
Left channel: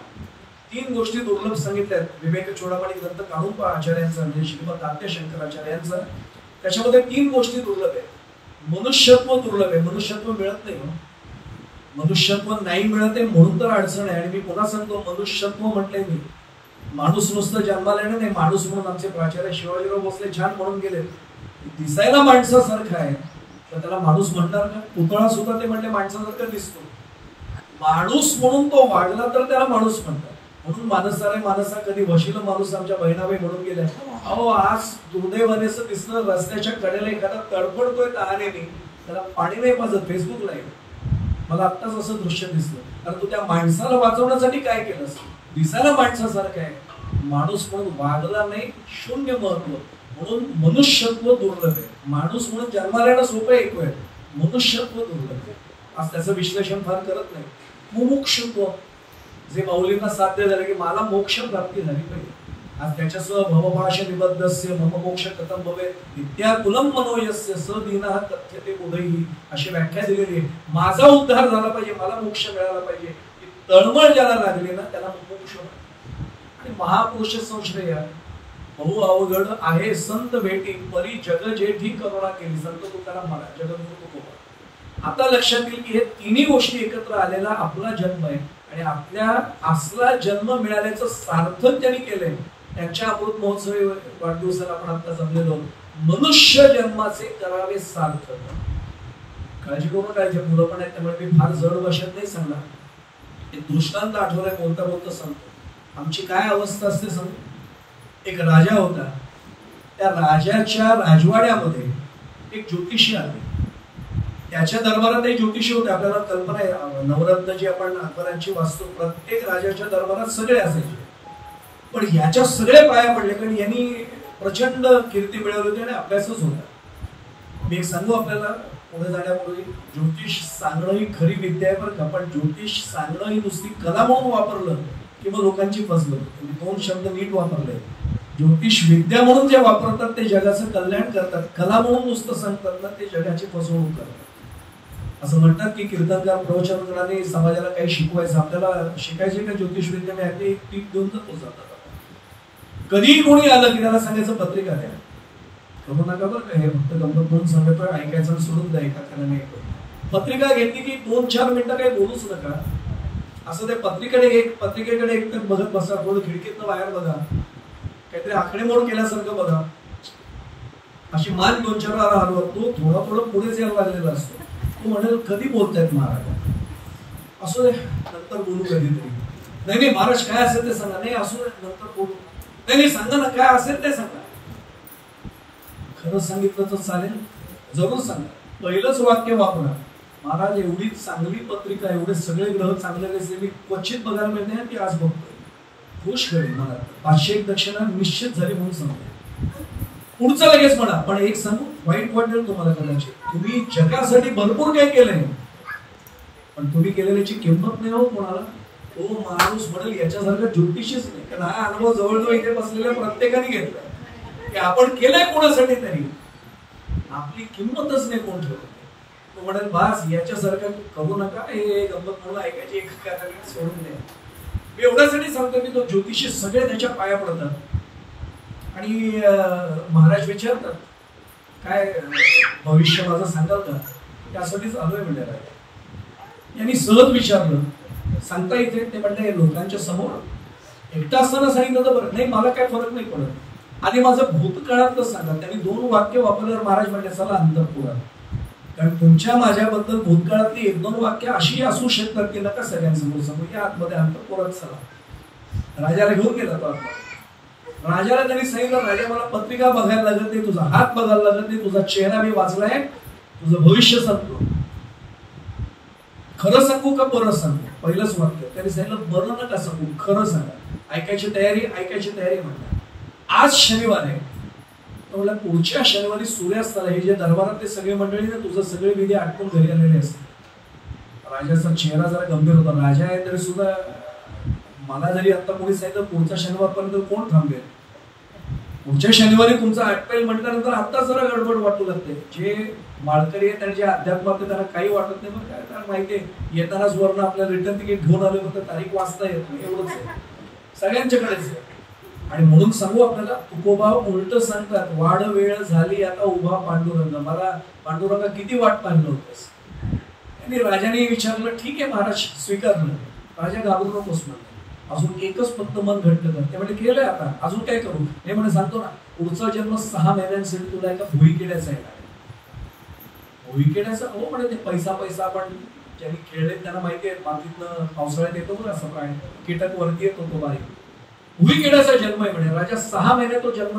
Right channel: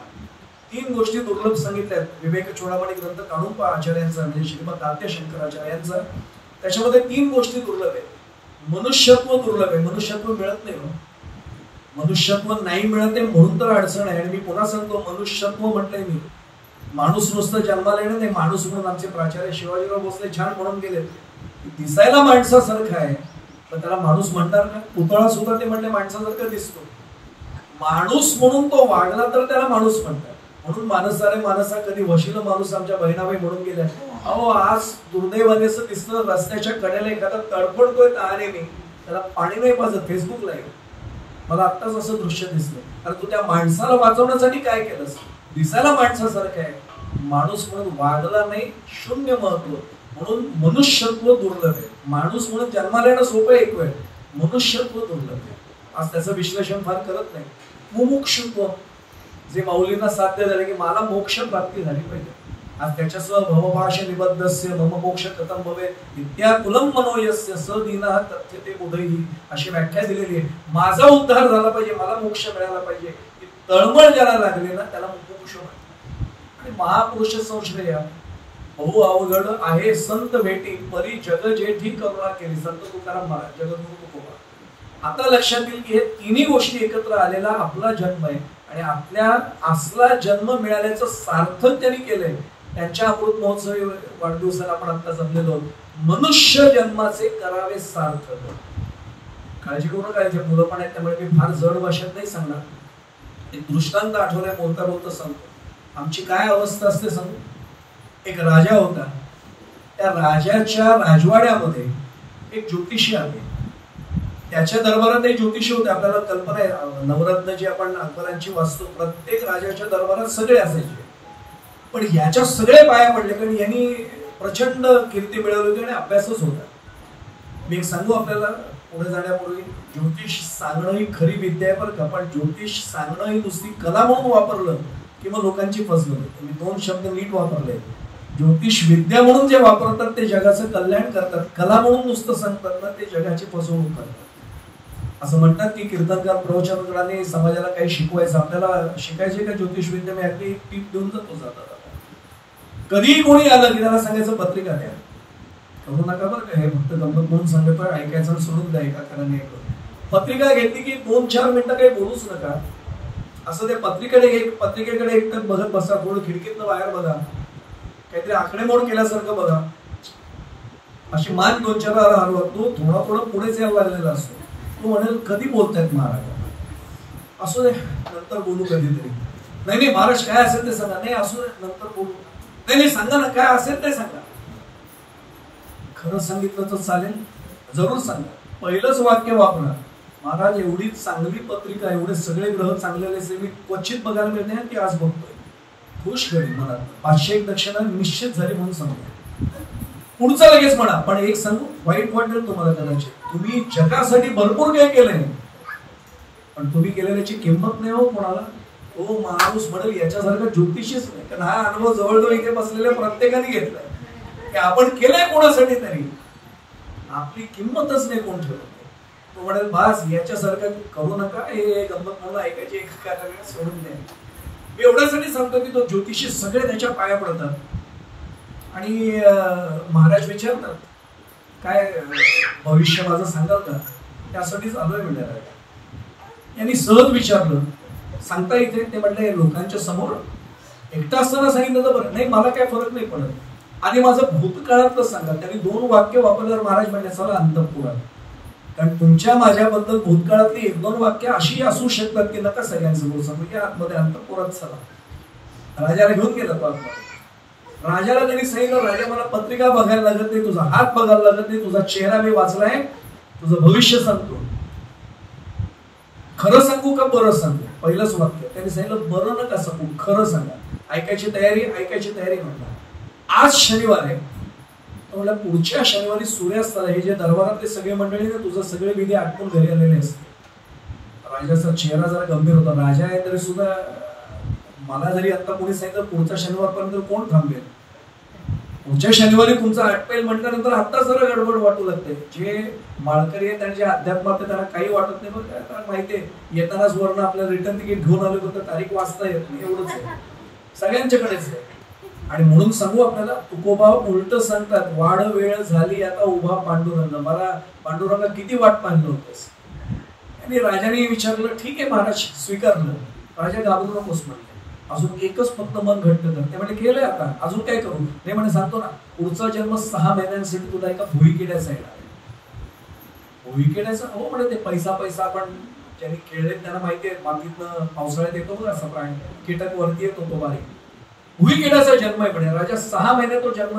3 गोष्टी दुर्लभ सांगितल्या आहेत. विवेक चोडामणी ग्रंथ काढून पहा आचार्यांचा, म्हणजे श्रीमद तात्या शंकराचार्यांचा. त्याच्यामध्ये 3 गोष्टी दुर्लभ आहेत. मनुष्यत्व दुर्लभ आहे, मनुष्यत्व मिळत नाही. मनुष्यत्व नाही मिळत आहे म्हणून तर अडचण आहे. आणि मी पुन्हा सांगतो, मनुष्यत्व म्हटलंय मी, माणूस नुसतं जन्माला येणे नाही. माणूस म्हणून आमचे प्राचार्य शिवाजीराव भोसले छान म्हणून गेले, दिसायला माणसासारखं आहे पण त्याला माणूस म्हणणार का? पुतळा सुद्धा ते म्हणले माणसासारखं दिसतो. माणूस म्हणून तो वागला तर त्याला माणूस म्हणतात. म्हणून माणसारे माणसा कधी वशील माणूस आमच्या बहिणाबाई म्हणून गेल्या. अहो, आज दुर्दैवाने असं दिसलं, रस्त्याच्या कडेला एखादा तडफडतोय तहानेने, त्याला पाणी नाही पाजत, फेसबुकला आहे. मला आत्ताच असं दृश्य दिसलं. कारण तू त्या माणसाला वाचवण्यासाठी काय केलंस? दिसायला माणसासारखं आहे, माणूस म्हणून वागला नाही, शून्य महत्व. म्हणून मनुष्यत्व दुर्लभ आहे. माणूस म्हणून जन्माला येणं सोपं एक वेळ, मनुष्यत्व दुर्लभ आहे. आज त्याचं विश्लेषण फार करत नाही. मुमुक्षुत्व, जे माऊलींना साध्य झाले की मला मोक्ष प्राप्ती झाली पाहिजे. आज त्याच्यासह भवभाष निबद्धस्य मम मोक्ष कथम भवे विद्याकुलम मनोयस्य स दीनः तथ्यते बुधैहि, अशी व्याख्या दिलेली आहे. माझा उद्धार झाला पाहिजे, मला मोक्ष मिळाला पाहिजे. तळमळ ज्याला लागली ना त्याला मोक्ष म्हणतात. आणि महापुरुष संश्रया, बहु अवघड आहे संत भेटी, परी जग जेठी करुणा केली. संत तुकाराम महाराज, जगद्गुरु तुकोबा. आता लक्षात येईल की हे 3 गोष्टी एकत्र आलेला आपला जन्म आहे. आणि आपल्या असला जन्म मिळाल्याचं सार्थक त्यांनी केलंय. त्यांच्या अमृत महोत्सवी वाढदिवसाला आपण आता जमलेलो. मनुष्य जन्माचे करावे सार्थक. काळजी करू नका, जे मुलं पण आहेत त्यामुळे मी फार जड भाषेत नाही सांगणार. एक दृष्टांत आठवलाय, बोलता बोलता सांगतो. आमची काय अवस्था असते सांगू. एक राजा होता, त्या राजाच्या राजवाड्यामध्ये एक ज्योतिषी आले. त्याच्या दरबारात एक ज्योतिषी होते. आपल्याला कल्पना आहे, नवरत्न जी आपण अकबरांची वास्तू, प्रत्येक राजाच्या दरबारात सगळे असायचे. पण याच्या सगळे पाया पडले, कारण यांनी प्रचंड कीर्ती मिळवली होती आणि अभ्यासच होता. मी एक सांगू आपल्याला पुढे जाण्यापूर्वी, ज्योतिष सांगणं ही खरी विद्या आहे बरं का, पण ज्योतिष सांगणं ही नुसती कला म्हणून वापरलं की मग लोकांची फसवणूक. मी 2 शब्द नीट वापरले. ज्योतिष विद्या म्हणून जे वापरतात ते जगाचं कल्याण करतात, कला म्हणून नुसतं सांगतात ना ते जगाची फसवणूक करतात. असं म्हणतात की कीर्तनकार प्रवचनकारांनी समाजाला काही शिकवायचं, आपल्याला शिकायचे का ज्योतिष विद्या? मी अगदी टीप देऊन जातात. कधीही कोणी आलं की त्याला सांगायचं पत्रिका द्या, करू नका बरं का, हे फक्त गंमत म्हणून सांगतो, ऐकायचं सोडून द्यायचा कारण नाही. पत्रिका घेतली की 2-4 मिनिटं काही बोलूच नका. असं ते पत्रिकेकडे एकटक बघत बसा, थोडी खिडकीतनं बाहेर बघा, काहीतरी आकडेमोड केल्यासारखं बघा, अशी मान 2-4 वेळा हलवत तो थोडा पुढेच यायला लागलेला असतो. तो म्हणेल कधी बोलतायत महाराज, असू दे नंतर बोलू कधीतरी. नाही महाराज काय असेल ते सांगा, नाही असू दे नंतर बोलू, नाही सांगा ना काय असेल ते सांगा. खरं सांगितलं तर चालेल, जरूर सांगा. पहिलंच वाक्य वापरा, महाराज एवढी चांगली पत्रिका, एवढे सगळे ग्रह चांगलेले मी क्वचित बघायला मिळते ती आज बघतोय, खुश करेल मला. 501 दक्षिणा निश्चित झाली म्हणून सांगा. पुढचं लगेच म्हणा, पण एक सांगू, वाईट वाटेल तुम्हाला कदाचित, तुम्ही जगासाठी भरपूर काही केलंय पण तुम्ही केलेल्याची किंमत नाही हो कोणाला. तो माणूस म्हणेल याच्यासारखं ज्योतिषीच नाही, कारण हा अनुभव जवळजवळ इथे बसलेल्या प्रत्येकाने घेतलाय की आपण केलंय कोणासाठी तरी आपली किंमतच नाही कोण ठेवत. तो म्हणेल बास याच्यासारखं करू नका, हे गंमत म्हणून ऐकायची एका कार्याने सोडून नाही. मी एवढ्यासाठी सांगतो की तो ज्योतिषी सगळे त्याच्या पाया पडतात आणि महाराज विचारतात काय भविष्य माझं सांगाल का, त्यासाठीच आलोय म्हणजे. यांनी सहज विचारलं, सांगता येते? ते म्हणले लोकांच्या समोर एकटा असताना सांगितलं तर बरं, नाही मला काय फरक नाही पडत, आणि माझं भूतकाळातलं सांगा. त्यांनी 2 वाक्य वापरल्यावर महाराज म्हणले चला अंतःपुरात, कारण तुमच्या माझ्याबद्दल भूतकाळातली 1-2 वाक्य अशी असू शकतात की नका सगळ्यांसमोर सांगू, की आतमध्ये अंतःपुरात चला. राजाला घेऊन गेला तो आतमध्ये. राजाला त्यांनी सांगितलं, राजा मला पत्रिका बघायला लागत नाही, तुझा हात बघायला लागत नाही, तुझा चेहरा मी वाचलाय, तुझं भविष्य सांगतो, खरं सांगू का बरं सांगू? पहिलंच वाक्य त्यांनी सांगितलं, बरं नका सांगू, खरं सांगा. ऐकायची तयारी म्हटलं. आज शनिवार आहे, तर पुढच्या शनिवारी सूर्यास्ताला हे जे दरबारात सगळे मंडळी ना तुझं सगळे विधी आटपून घरी आलेले असते. राजाचा चेहरा जरा गंभीर होता. राजा आहे तरी सुद्धा मला जरी आता कोणी सांगितलं पुढच्या शनिवारपर्यंत कोण थांबेल, पुढच्या शनिवारी तुमचं आटपेल म्हटल्यानंतर आता जरा गडबड वाटू लागते. जे माळकरी आहेत आणि जे अध्यात्मात त्यांना काही वाटत नाही, बरं काय माहितीये, येतानाच वरनं आपल्या रिटर्न तिकीट घेऊन आले फक्त तारीख वाचता येत नाही, एवढंच आहे सगळ्यांच्याकडेच आहे. आणि म्हणून सांगू आपल्याला, तुकोबा उलट सांगतात, वाढ वेळ झाली आता उभा पांडुरंग. मला पांडुरंग किती वाट पाहिलं होतस. आणि राजाने विचारलं, ठीक आहे महाराज स्वीकारलं. राजा घाबरू नकोस म्हणले, अजून एकच फक्त मन घट्ट कर. ते म्हणजे केलंय आता, अजून काय करू? नाही म्हणे सांगतो ना, पुढचा जन्म 6 महिन्यांसाठी तुला एका भुईकिड्याचा येणार. भुईकिड्याचा? हो म्हणे, ते पैसा आपण ज्यांनी खेळले त्यांना माहिती आहे, मातीतनं पावसाळ्यात येतो बघा असा प्राणी, कीटक वरती येतो तो बारीक, भुईकिड्याचा जन्म आहे म्हणे. राजा 6 महिने तो जन्म.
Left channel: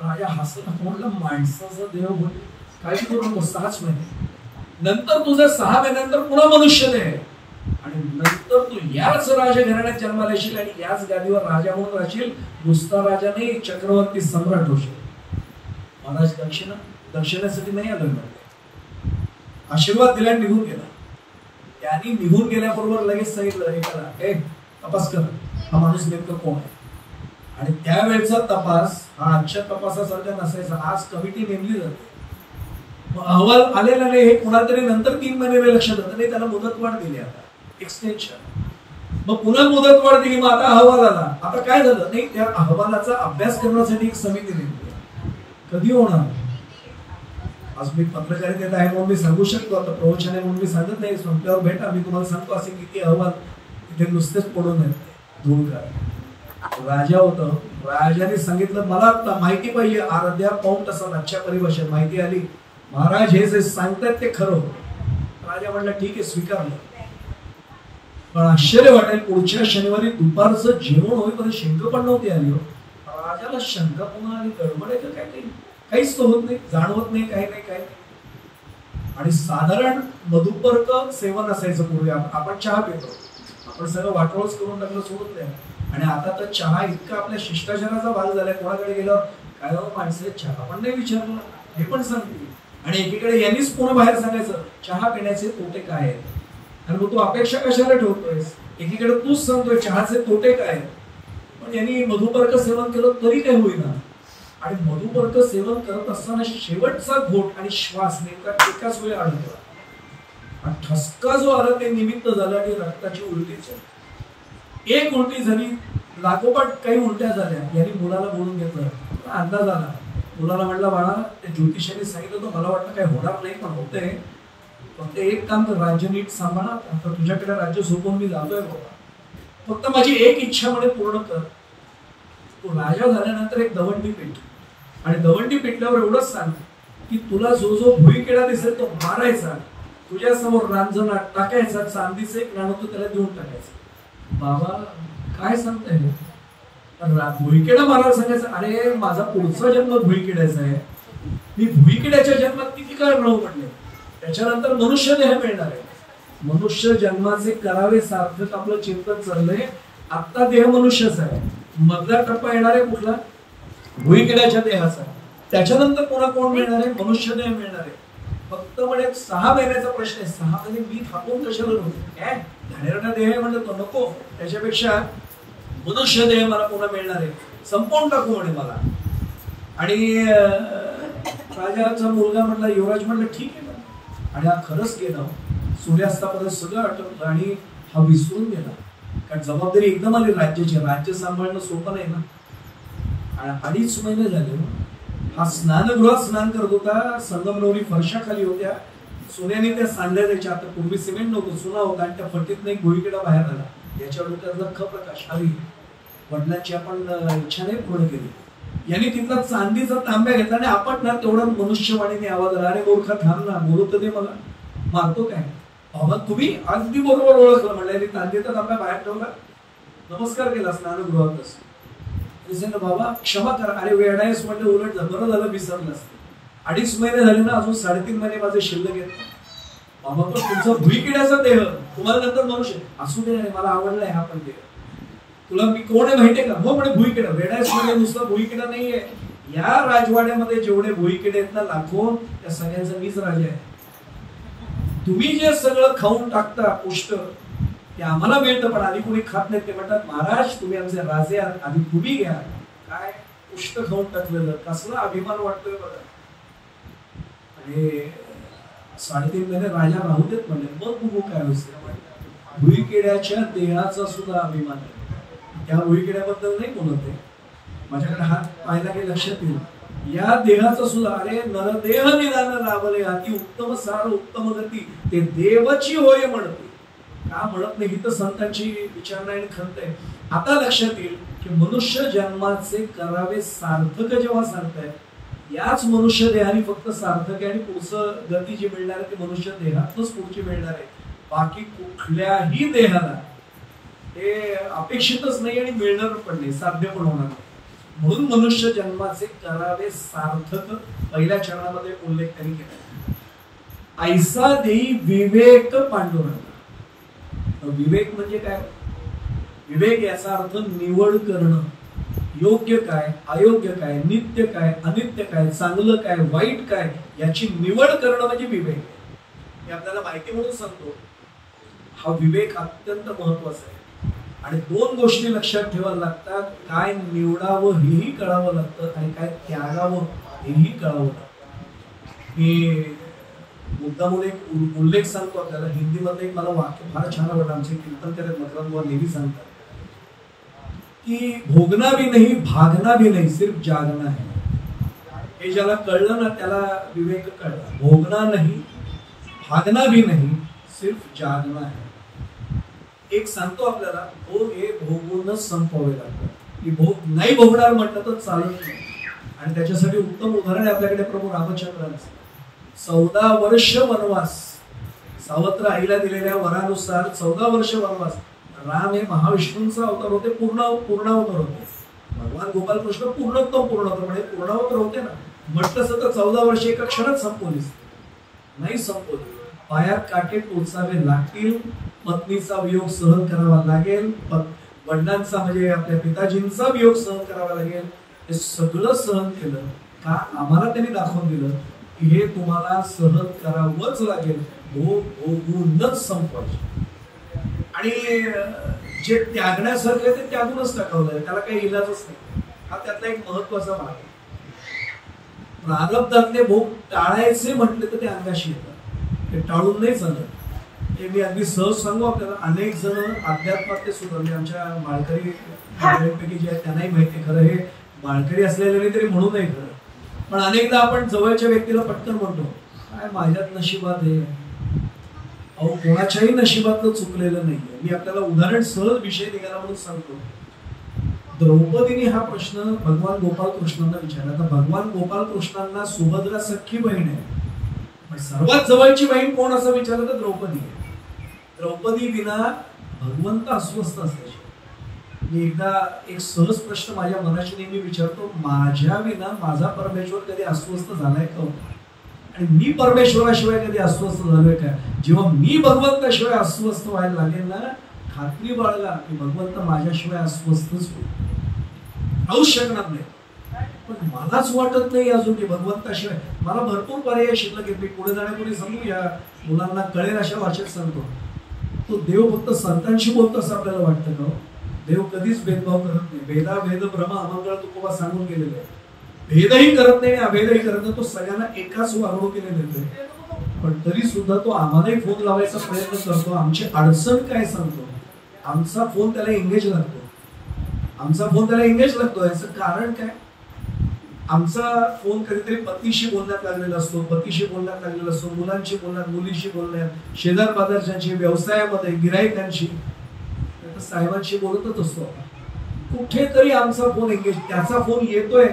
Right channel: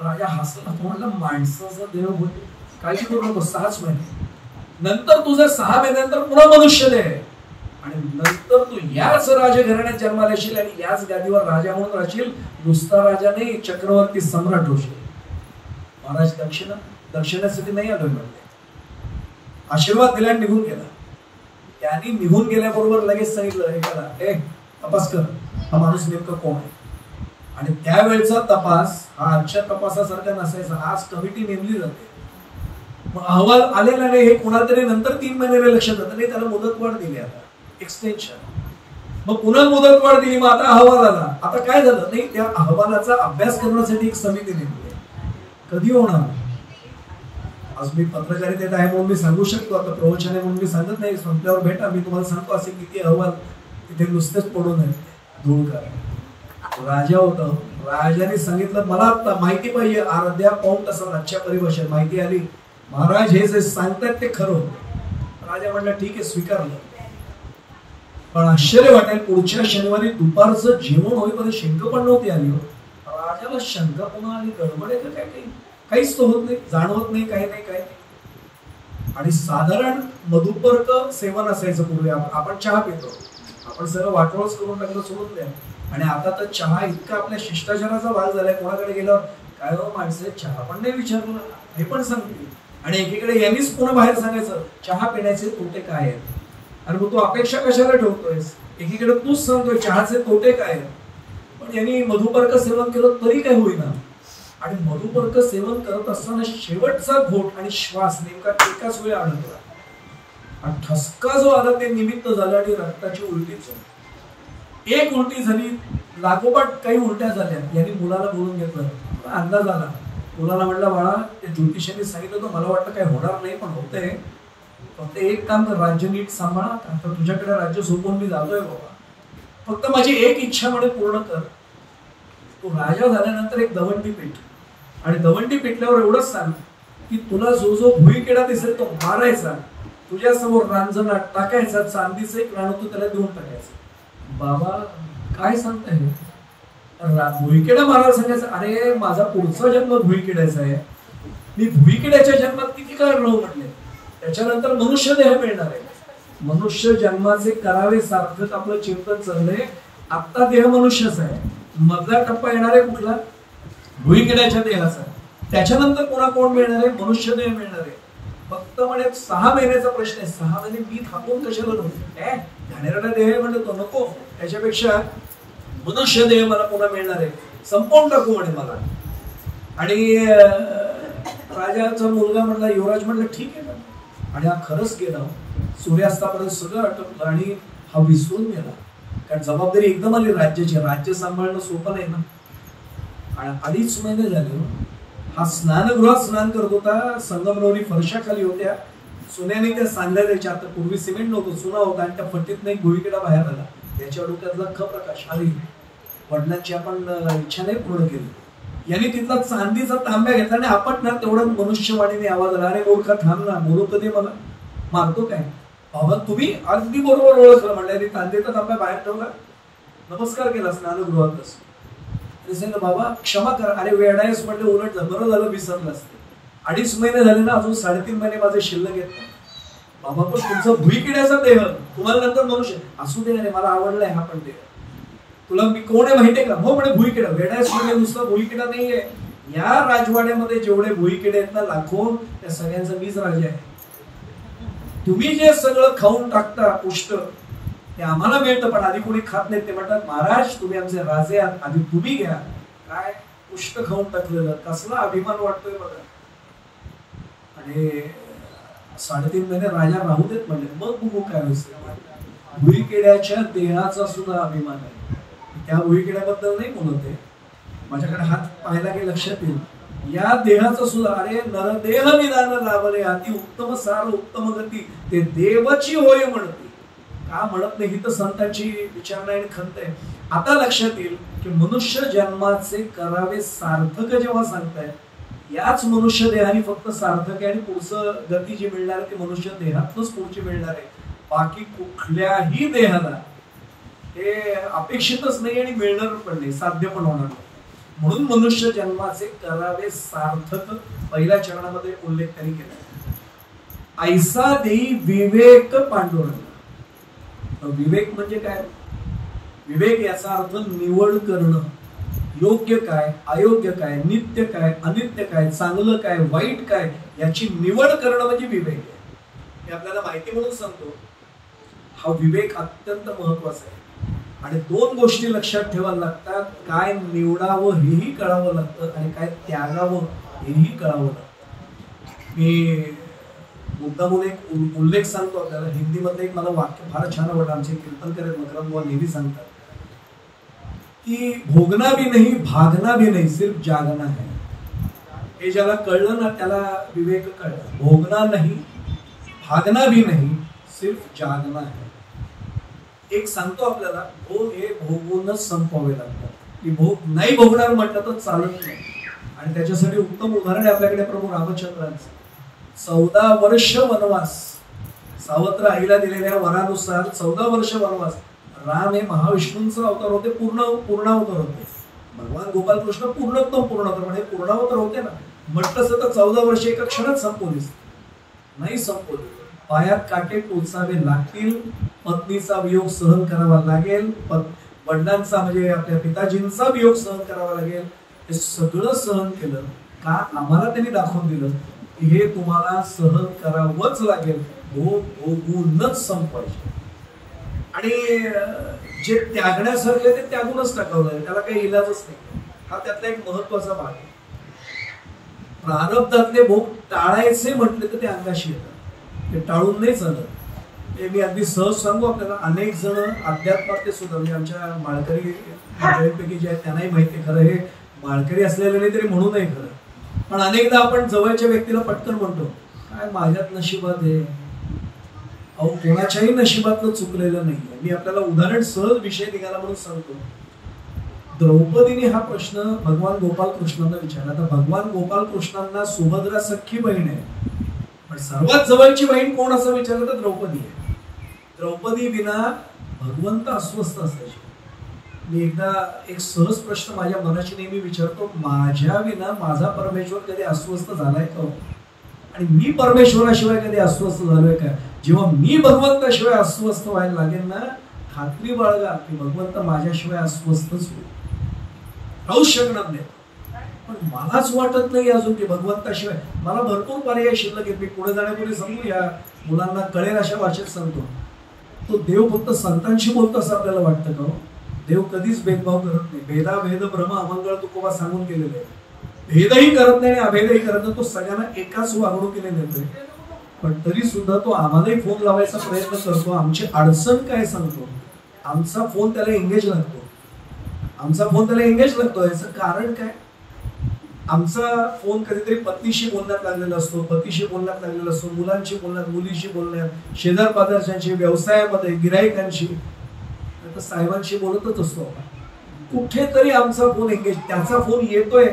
राजा हसला, म्हणला माणसाचा देव बोल, काळजी करू नको, 6च महिने नंतर तुझं 6 महिन्यानंतर पुन्हा मनुष्य दे, आणि नंतर तू याच राजघराण्यात जन्माला येशील आणि याच गादीवर राजा म्हणून राहशील. नुसता राजा नाही, चक्रवर्ती सम्राट होशील. महाराज दक्षिणेसाठी नाही आलो म्हणते, आशीर्वाद दिला निघून गेला. त्यांनी निघून गेल्याबरोबर लगेच सांगितलं एकाला, हे तपास कर, हा माणूस नेमका कोण आहे. आणि त्यावेळेचा तपास हा आजच्या तपासासारखा नसायचा. आज कमिटी नेमली जाते, मग अहवाल आलेले नाही हे कोणाला तरी नंतर 3 महिने लक्षात येतं, नाही त्याला मुदतवाढ दिली, आता एक्सटेन्शन, मग पुन्हा मुदतवाढ दिली, मग आता अहवाल आला. आता काय झालं, नाही त्या अहवालाचा अभ्यास करण्यासाठी एक समिती नेमली. कधी होणार? आज मी पत्रकारितेत आहे म्हणून मी सांगू शकतो, आता प्रवचन आहे म्हणून मी सांगत नाही. संपल्यावर भेटा, मी तुम्हाला सांगतो असे किती अहवाल इथे नुसतेच पडून आहेत. धूळकर राजा होता, राजाने सांगितलं मला माहिती पाहिजे, अर्ध्या पाऊण तासात आजच्या परिभाषेत माहिती आली, महाराज हे जे सांगतात ते खरं. राजा म्हणला ठीक आहे, स्वीकारलं. पण आश्चर्य वाटेल, पुढच्या शनिवारी दुपारचं जेवण होईपर्यंत शंका पण नव्हती आली. राजाला शंका पुन्हा आली, गडबडायचं काय काही, काहीच तो होत नाही, जाणवत नाही, काही नाही. आणि साधारण मधुपर्क सेवन असायचं पूर्वी. आपण चहा पितो, आपण सगळं वाटोळच करून टाकलं, सोडत नाही. आणि आता तर चहा इतका आपल्या शिष्टाचाराचा भाग झालाय, कोणाकडे गेल्यावर काय हो माणसे चहा पण नाही विचारलं हे पण सांगते. आणि एकीकडे यांनीच पुन्हा बाहेर सांगायचं चहा पिण्याचे तोटे काय आहेत, आणि मग तू अपेक्षा कशाला ठेवतोयस? एकीकडे तूच सांगतोय चहाचे तोटे काय आहेत. पण यांनी मधुपर्क सेवन केलं तरी काय होईना. आणि मधुपर्क सेवन करत असताना शेवटचा घोट आणि श्वास नेमका एकाच वेळी आढळला. आणि ठसका जो आला ते निमित्त झालं आणि रक्ताची उलटी झाली. एक उलटी झाली, लागोपाठ काही उलट्या झाल्या. यांनी मुलाला बोलून घेतलं. अंदाज आला. मुलाला म्हणला, बाळा ते ज्योतिषांनी सांगितलं तर मला वाटतं काय होणार नाही, पण होतंय. फक्त एक काम कर, राज्य नीट सांभाळा. आता तुझ्याकडे राज्य सोपवून मी जातोय बाबा, फक्त माझी एक इच्छा म्हणे पूर्ण कर. तो राजा झाल्यानंतर एक दवंडी पेट, आणि दवंडी पेटल्यावर एवढंच सांग की तुला जो जो भुईकिडा दिसेल तो मारायचा, तुझ्या समोर रांजणा टाकायचा, चांदीचं एक नाणं तू त्याला देऊन टाकायचं. बाबा काय सांगताय, भुईकिडा मारायला सांगायचं? अरे माझा पुढचा जन्म भुईकिड्याचा आहे, मी भुईकिड्याच्या जन्मात किती काळ राहू म्हटले. त्याच्यानंतर मनुष्य देह मिळणार आहे. मनुष्य जन्माचे करावे सार्थक आपलं चिंतन चाललंय. आता देह मनुष्यच आहे, मधला टप्पा येणार आहे कुठला? भुईकिड्याच्या देहाचा. त्याच्यानंतर पुन्हा कोण मिळणार आहे? मनुष्य देह मिळणार आहे. फक्त म्हणजे 6 महिन्याचा प्रश्न आहे. 6 महिने मी थांबून कशाला राहू? काय घाणेरडा देह म्हणलं तो नको, त्याच्यापेक्षा मनुष्य देह मला पुन्हा मिळणार आहे, संपवून टाकू म्हणे मला. आणि राजाचा मुलगा म्हणला, युवराज म्हणला ठीक आहे ना. आणि हा खरंच गेला. सूर्यास्तापर्यंत सगळं आटोपलं आणि हा विसरून गेला. कारण जबाबदारी एकदम आली राज्याची. राज्य सांभाळणं सोपं नाही ना. आणि 2.5 महिने झाले. हा स्नानगृहात स्नान करत होता. संगमरवरी फरशा खाली होत्या. सुन्याने त्या सांडल्या द्यायच्या. आता पूर्वी सिमेंट नव्हतं, सुना होता. आणि त्या फटीत नाही भुईकिडा बाहेर आला. याच्या डोक्यात लख प्रकाश आली. वडिलांची आपण इच्छा नाही पूर्ण केली. याने तिथला चांदीचा तांब्या घेतला आणि आपटणार तेवढा मनुष्यवाणीने आवाज आला, अरे मूर्खा थांब ना, बोलू तर दे मला, मारतो काय? बाबा तुम्ही अगदी बरोबर ओळखलं म्हणलं. तांब्याचा तांब्या बाहेर ठेवला, नमस्कार केला स्नानगृहातच. बाबा क्षमा करा. अरे वेडायस म्हणलं, उलट बरं झालं विसरलं असते. 2.5 महिने झाले ना, अजून 3.5 महिने माझे शिल्लक येत नाही. बाबा पण तुमचं भुईकिड्याचा देह, तुम्हाला नंतर मनुष्य असू दे. अरे मला आवडलाय हा पण देह. तुला मी कोण आहे माहितीये का? हो म्हणे भुईकिडा. वेडायस म्हणजे नुसता भुईकिडा नाहीये. या राजवाड्यामध्ये जेवढे भुईकिडे आहेत ना लाखो, त्या सगळ्यांचा मीच राजा आहे. तुम्ही जे सगळं खाऊन टाकता उष्ट ते आम्हाला मिळतं, पण आधी कोणी खात नाही. ते म्हणतात महाराज तुम्ही आमचे राजे आहात, आधी तुम्ही घ्या. काय उष्ट खाऊन टाकलेलं, कसला अभिमान वाटतोय बघा. आणि 3.5 महिने राजा राहू देत म्हणले, मग बघू काय असते. भुईकिड्याच्या देहाचा सुद्धा अभिमान आहे. त्या भुईकिड्याबद्दल नाही बोलत आहे, माझ्याकडे हात पाहिला की लक्षात येईल. या देहाचं सुद्धा, अरे नरदेह निदान लाभले अति उत्तम सार उत्तम गती, ते देवची होय म्हणते. का म्हणत नाही? ही तर संतांची विचारणा आणि खंत आहे. आता लक्षात येईल की मनुष्य जन्माचे करावे सार्थक जेव्हा सांगताय, याच मनुष्य देहाने फक्त सार्थक आहे. आणि पुढचं गती जी मिळणार आहे ती मनुष्य देहातच पुढची मिळणार आहे. बाकी कुठल्याही देहाला हे अपेक्षितच नाही आणि मिळणार पण नाही, साध्य पण होणार नाही. म्हणून मनुष्य जन्माचे करावे सार्थक पहिल्या चरणामध्ये उल्लेख त्यांनी केला. ऐसा देई विवेक पांडुरंग. विवेक म्हणजे काय? विवेक याचा अर्थ निवड करणं. योग्य काय, अयोग्य काय, नित्य काय, अनित्य काय, चांगलं काय, वाईट काय, याची निवड करणं म्हणजे विवेक आहे. मी आपल्याला माहिती म्हणून सांगतो, हा विवेक अत्यंत महत्वाचा आहे. आणि 2 गोष्टी लक्षात ठेवायला लागतात. काय निवडावं हेही कळावं लागतं आणि काय त्यागावं हेही कळावं लागतं. मी मुद्दामून एक उल्लेख सांगतो आपल्याला. हिंदीमध्ये एक मला वाक्य फार छान आवडलं. आमचे कीर्तनकर मकरंद बुवा नेहमी सांगतात की भोगना भी नहीं भागना भी नहीं, सिर्फ जागना है. हे ज्याला कळलं ना त्याला विवेक कळला. भोगना नहीं भागना भी नहीं, सिर्फ जागना है. एक सांगतो आपल्याला, भोग हे भोगूनच संपवावे लागतात. की भोग नाही भोगणार म्हटलं तर चालत नाही. आणि त्याच्यासाठी उत्तम उदाहरण आहे आपल्याकडे प्रभू रामचंद्रांचं. 14 वर्ष वनवास, सावत्र आईला दिलेल्या वरानुसार 14 वर्ष वनवास. राम हे महाविष्णूंचा अवतार होते, पूर्णावतार होते. भगवान गोपालकृष्ण पूर्णोत्तम पूर्णोत्तम म्हणजे पूर्णावतार होते ना. म्हटलं असं तर 14 वर्ष एका क्षणात संपवलीच नाही. संपवली. पायात काटे टोचावे लागतील, पत्नीचा वियोग सहन करावा लागेल, वडिलांचा म्हणजे आपल्या पिताजींचा वियोग सहन करावा लागेल. हे सगळं सहन केलं का? आम्हाला त्यांनी दाखवून दिलं की हे तुम्हाला सहन करावंच लागेल. भोगूनच संपवायचं. आणि जे त्यागण्यासारखं आहे ते त्यागूनच टाकावं, त्याला काही इलाजच नाही. हा त्यातला एक महत्वाचा भाग आहे. प्रारब्धातले भोग टाळायचे म्हटले तर ते अंगाशी येतात, ते टाळून नाही चालत. हे मी अगदी सहज सांगू आपल्याला, अनेक जण अध्यात्मातले सुद्धा म्हणजे आमच्या माळकरी मंडळींपैकी जे आहेत त्यांनाही माहिती, खरं हे माळकरी असलेले नाही तरी म्हणू नाही खरं, पण अनेकदा आपण जवळच्या व्यक्तीला पटकन म्हणतो काय माझ्यात नशिबात आहे. अहो, कोणाच्याही नशिबातलं चुकलेलं नाहीये. मी आपल्याला उदाहरण सहज विषय निघाला म्हणून सांगतो. द्रौपदीने हा प्रश्न भगवान गोपाल कृष्णांना विचारला. आता भगवान गोपाल कृष्णांना सुभद्रा सख्खी बहीण आहे, पण सर्वात जवळची बहीण कोण असं विचारलं तर द्रौपदी आहे. द्रौपदी विना भगवंत अस्वस्थ असल्याचे. मी एकदा एक सहज प्रश्न माझ्या मनाशी नेहमी विचारतो, माझ्या विना माझा परमेश्वर कधी अस्वस्थ झालाय का? आणि मी परमेश्वराशिवाय कधी अस्वस्थ झालोय का? जेव्हा मी भगवंताशिवाय अस्वस्थ व्हायला लागेल ना, खात्री बाळगा की भगवंत माझ्याशिवाय अस्वस्थच होईल, राहूच शकणार नाही. पण मलाच वाटत नाही अजून की भगवंताशिवाय. मला भरपूर पर्याय शिल्लक आहेत. मी पुढे जाण्यापूर्वी सांगू, या मुलांना कळेल अशा भाषेत सांगतो. तो देव फक्त संतांशी बोलतो असं आपल्याला वाटतं का? देव कधीच भेदभाव करत नाही. भेदा भेद भ्रम अमंगळ तुकोबा सांगून गेलेले आहे. भेदही करत नाही, अभेदही करत नाही. तो सगळ्यांना एकाच वागणुकीने देतोय. पण तरी सुद्धा तो आम्हालाही फोन लावायचा प्रयत्न करतो, आमची अडचण काय सांगतो. आमचा फोन त्याला एंगेज लागतो, आमचा फोन त्याला एंगेज लागतो. याचं कारण काय? आमचा फोन कधीतरी पतीशी बोलण्यात लागलेला असतो, पतीशी बोलण्यात लागलेला असतो, मुलांशी बोलण्यात, मुलीशी बोलण्यात, शेजार बाजारच्यांशी, व्यवसायामध्ये, गिराईकांशी, साहेबांशी बोलतच असतो. कुठेतरी आमचा फोन एंगेज. त्याचा फोन येतोय,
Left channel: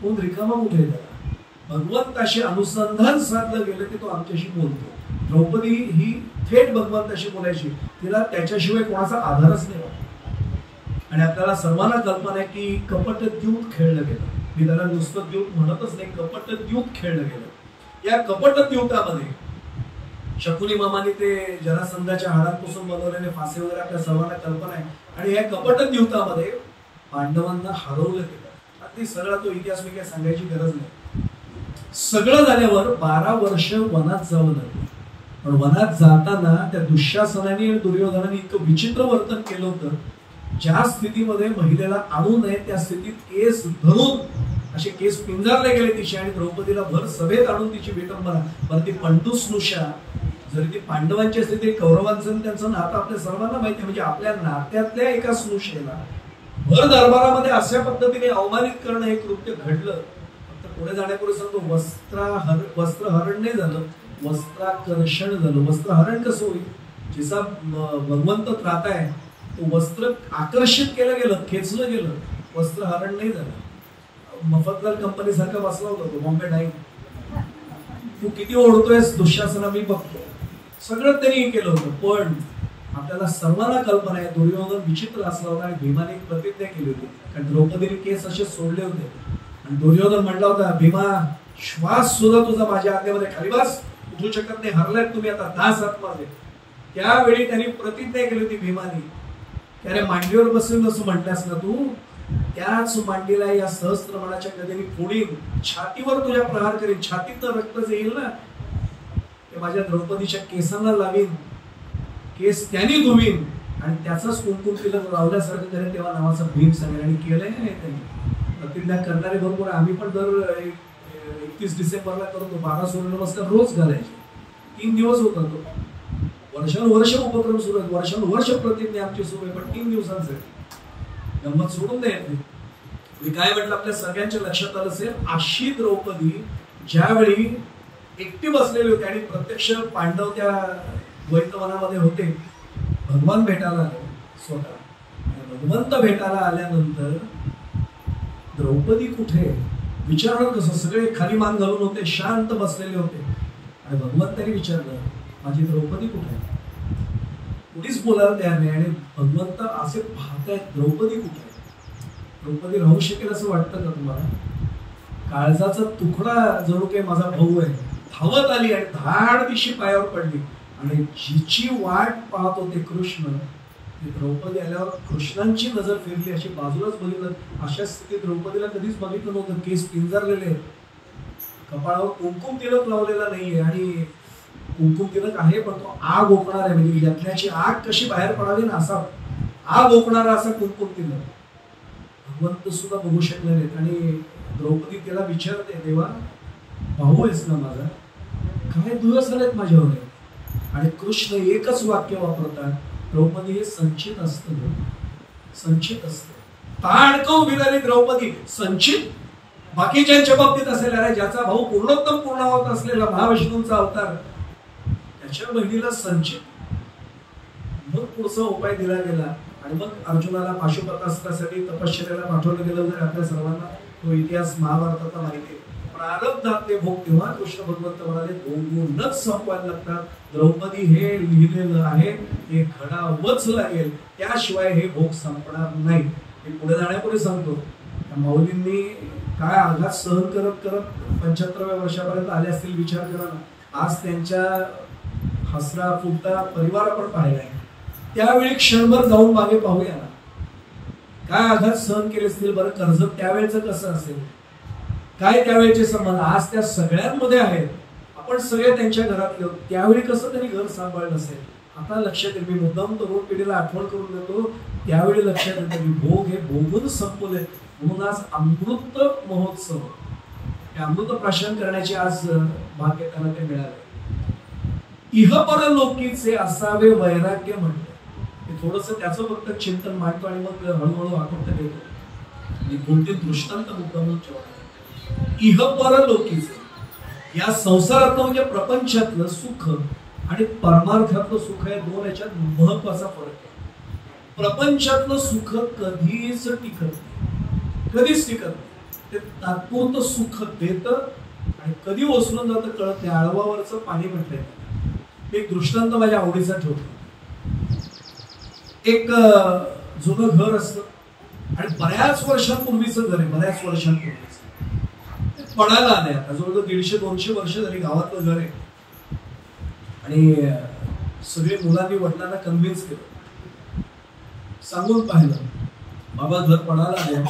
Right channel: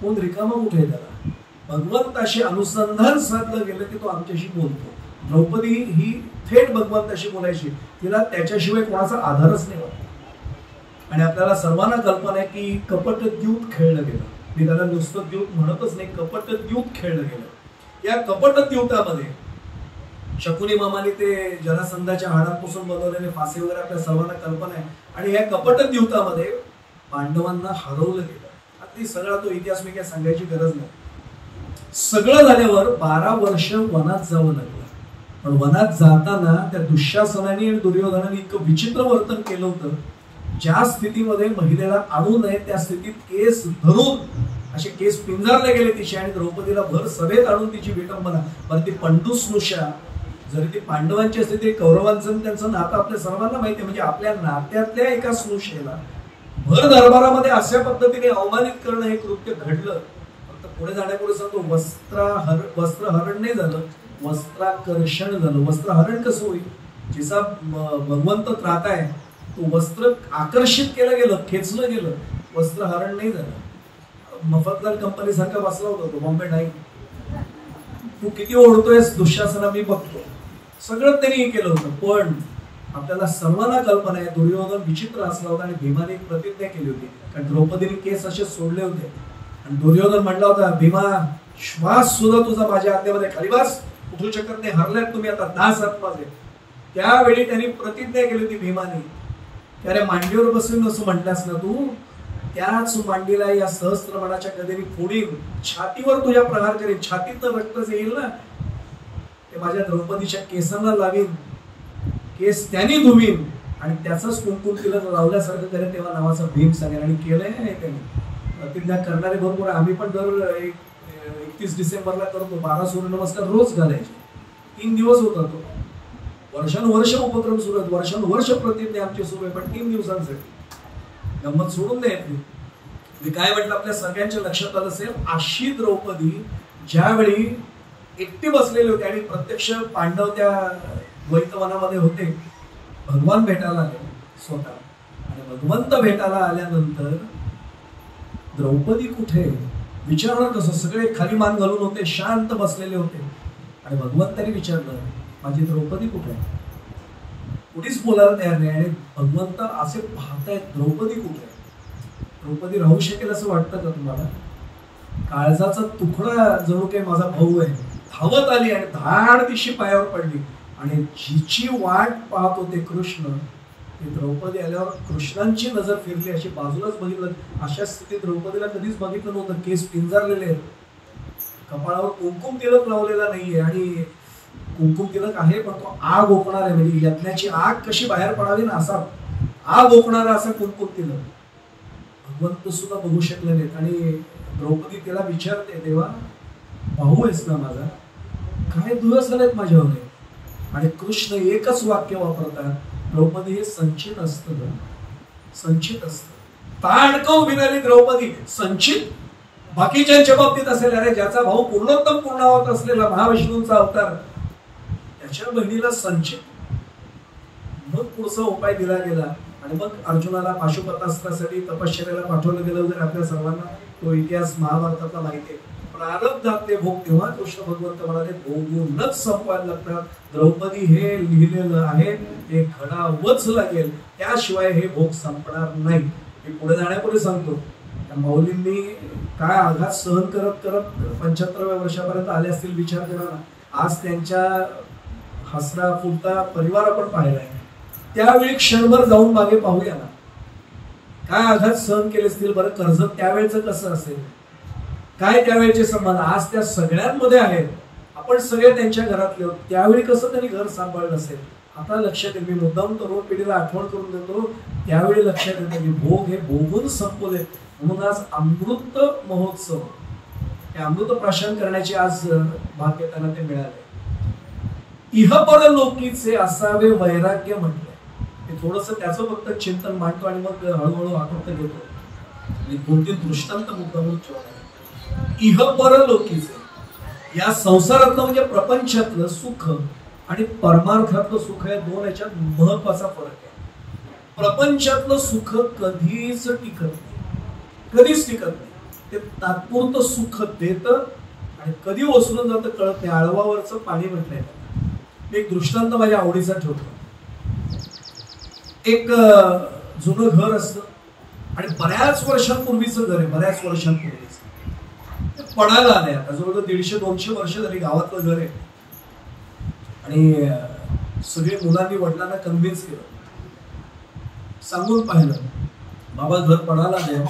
फोन रिकामा कुठे त्याला. भगवंताशी अनुसंधान साधलं गेलं की तो आमच्याशी बोलतो. द्रौपदी ही थेट भगवंताशी बोलायची. तिला त्याच्याशिवाय कोणाचा आधारच नाही वाटत. आणि आपल्याला सर्वांना कल्पना आहे की कपटद्यूत खेळलं गेलं. मी त्याला नुसतं द्यूत म्हणतच नाही, कपटद्यूत खेळलं गेलं. या कपटद्यूतामध्ये शकुनी मामाने ते जरासंधाच्या हाडांपासून बनवलेले फासे वगैरे आपल्या सर्वांना कल्पना आहे. आणि या कपटद्यूतामध्ये पांडवांना हरवलं गेलं. ते सगळा तो इतिहास मी काय सांगायची गरज नाही. सगळं झाल्यावर 12 वर्ष वनात जावं लागलं. पण वनात जाताना त्या दुःशासनाने आणि दुर्योधनाने इतकं विचित्र वर्तन केलं होतं, ज्या स्थितीमध्ये महिलेला आणू नये त्या स्थितीत केस धरून असे केस पिंजारले गेले तिचे, आणि द्रौपदीला भर सभेत आणून तिची विटंबना. पण ती पंडुस्नुषा जरी ती पांडवांची असते, ते कौरवांचं त्यांचं नातं आपल्या सर्वांना माहिती आहे. म्हणजे आपल्या नात्यातल्या एका स्नुषेला भर दरबारामध्ये अशा पद्धतीने अवमानित करणं हे कृत्य घडलं. फक्त पुढे जाण्यापूर्वी सांगतो, वस्त्रहरण नाही झालं, वस्त्राकर्षण झालं. वस्त्रहरण कसं होईल? जिचा भगवंत त्राता आहे तो वस्त्र आकर्षित केलं गेलं, खेचलं गेलं, वस्त्रहरण नाही झालं. मफतलाल कंपनी सारखं बसला होता तो, बॉम्बे नाही. तू किती ओढतोय दुःशासना मी बघतो. सगळं त्यांनी केलं होतं. पण आपल्याला सर्वांना कल्पना आहे दुर्योधन विचित्र असला होता आणि भीमाने प्रतिज्ञा केली होती. कारण द्रौपदीने केस असे सोडले होते आणि दुर्योधन म्हटला होता, भीमा श्वास सुद्धा तुझा माझ्या आज्ञेमध्ये खाली बस, उठू शकत नाही, हरल्यात तुम्ही आता, दास आत्माचे. त्यावेळी त्यांनी प्रतिज्ञा केली होती भीमाने, त्याने मांडीवर बसून असं म्हटलास ना तू, त्याच मांडीला या सहस्त्रमणाच्या गदेने फोडीन, छातीवर तुझ्या प्रहार करीन, छातीत तर रक्तच येईल ना, ते माझ्या द्रौपदीच्या केसांना लावीन, केस त्यांनी धुवीन आणि त्याचाच कुंकुम तिलक लावल्यासारखं करेन, तेव्हा नावाचा भीम सांगेल. आणि केलंय नाही त्यांनी. प्रतिज्ञा करणारे भरपूर. आम्ही पण दर 31 डिसेंबरला करतो. 12 सूर्यनमस्कार रोज घालायचे. 3 दिवस होता तो. वर्षानुवर्ष उपक्रम सुरू आहेत, वर्षानुवर्ष प्रतिज्ञा आमची सुरू आहे, पण 3 दिवसांसाठी गंमत सोडून द्यायची. मी काय म्हटलं, आपल्या सगळ्यांच्या लक्षात आलं असेल, अशी द्रौपदी ज्यावेळी एकटी बसलेली होती आणि प्रत्यक्ष पांडव त्या द्वैतवनामध्ये होते, भगवान भेटायला आले स्वतः. आणि भगवंत भेटायला आल्यानंतर द्रौपदी कुठे विचारलं कसं? सगळे खाली मान घालून होते, शांत बसलेले होते. आणि भगवंतांनी विचारलं, माझी द्रौपदी कुठे आहे? कुठेच बोलायला तयार नाही. आणि भगवंत असे पाहतायत, द्रौपदी कुठे आहे? द्रौपदी राहू शकेल असं वाटतं का तुम्हाला? काळजाचा तुकडा जणू काही माझा भाऊ आहे, धावत आली आणि धाड दिशी पायावर पडली. आणि जिची वाट पाहत होते कृष्ण, ती द्रौपदी आल्यावर कृष्णांची नजर फिरली, अशी बाजूलाच बघितलं. अशा स्थितीत द्रौपदीला कधीच बघितलं नव्हतं. केस पिंजारलेले आहेत, कपाळावर कुंकुम तिलक लावलेला नाहीये. आणि कुंकुम तिलक आहे पण तो आग ओकणार आहे, म्हणजे यज्ञाची आग कशी बाहेर पडावी ना, असा आग ओकणारा असं कोणकोणती नाही. भगवंत सुद्धा बघू शकले नाहीत. आणि द्रौपदी तिला विचारते, देवा भाऊ आहेस ना माझा, काय दिवस आलेत माझ्यावर. आणि कृष्ण एकच वाक्य वापरतात, द्रौपदी हे संचित असतं, संचित असतं. ताणकं उभी राहिली द्रौपदी. संचित बाकीच्यांच्या बाबतीत असेल, अरे ज्याचा भाऊ पूर्णोत्तम पूर्णावत असलेला महाविष्णूंचा अवतार, त्याच्या बहिणीला संचित. मग पुढचा उपाय दिला गेला. आणि मग अर्जुनाला पाशुपतास्त्रासाठी तपश्चर्याला पाठवलं गेलं होतं. आपल्या सर्वांना तो इतिहास महाभारतातला माहिती आहे. प्रारब्धात ते भोग तेव्हा कृष्ण भगवंत म्हणाले भोगूनच संपवायला लागतात. द्रौपदी हे लिहिलेलं आहे, हे घडावंच लागेल, त्याशिवाय हे भोग संपणार नाही. हे पुढे जाण्यापूर्वी सांगतो, मौलींनी काय आघात सहन करत करत 75व्या वर्षापर्यंत आले असतील, विचार करा ना. आज त्यांच्या हसरा फुलता परिवार आपण पाहिला आहे. त्यावेळी क्षणभर जाऊन मागे पाहूया ना, काय आघात सहन केले असतील. बरं, कर्जत त्यावेळेचं कसं असेल, काय त्यावेळेचे संबंध आज त्या सगळ्यांमध्ये आहेत. आपण सगळे त्यांच्या घरातले होतो. त्यावेळी कसं त्यांनी घर सांभाळलं असेल. आता लक्षात येईल, मी मुद्दाम तरुण पिढीला आठवण करून देतो, त्यावेळी लक्षात येतं की भोग हे भोगून संपवले. म्हणून आज अमृत महोत्सव, हे अमृत प्राशन करण्याचे आज भाग्य त्यांना ते मिळाले. इहपर लोकीचे असावे वैराग्य म्हटलं. ते थोडस त्याचं फक्त चिंतन मांडतो आणि मग हळूहळू आकृत घेतो. मी कोणते दृष्टांत मुद्दाम ठेवले. इहपर लोकीचे, या संसारातलं म्हणजे प्रपंचातलं सुख आणि परमार्थातलं सुख या दोन याच्यात महत्वाचा फरक आहे. प्रपंचातलं सुख कधीच टिकत नाही, कधीच टिकत नाही. ते तात्पुरतं सुख देतं आणि कधी ओसरून जातं कळत नाही. आळवावरचं पाणी म्हटलंय. एक दृष्टांत माझ्या आवडीचा ठेवतो. एक जुनं घर असतं आणि बऱ्याच वर्षांपूर्वीचं घर आहे, बऱ्याच वर्षांपूर्वीचं. पडायला आले, आता जवळजवळ 150-200 वर्ष झाली गावातलं घर आहे. आणि सगळे मुलांनी वडिलांना कन्व्हिन्स केलं, सांगून पाहिलं, बाबा घर पडायला आले,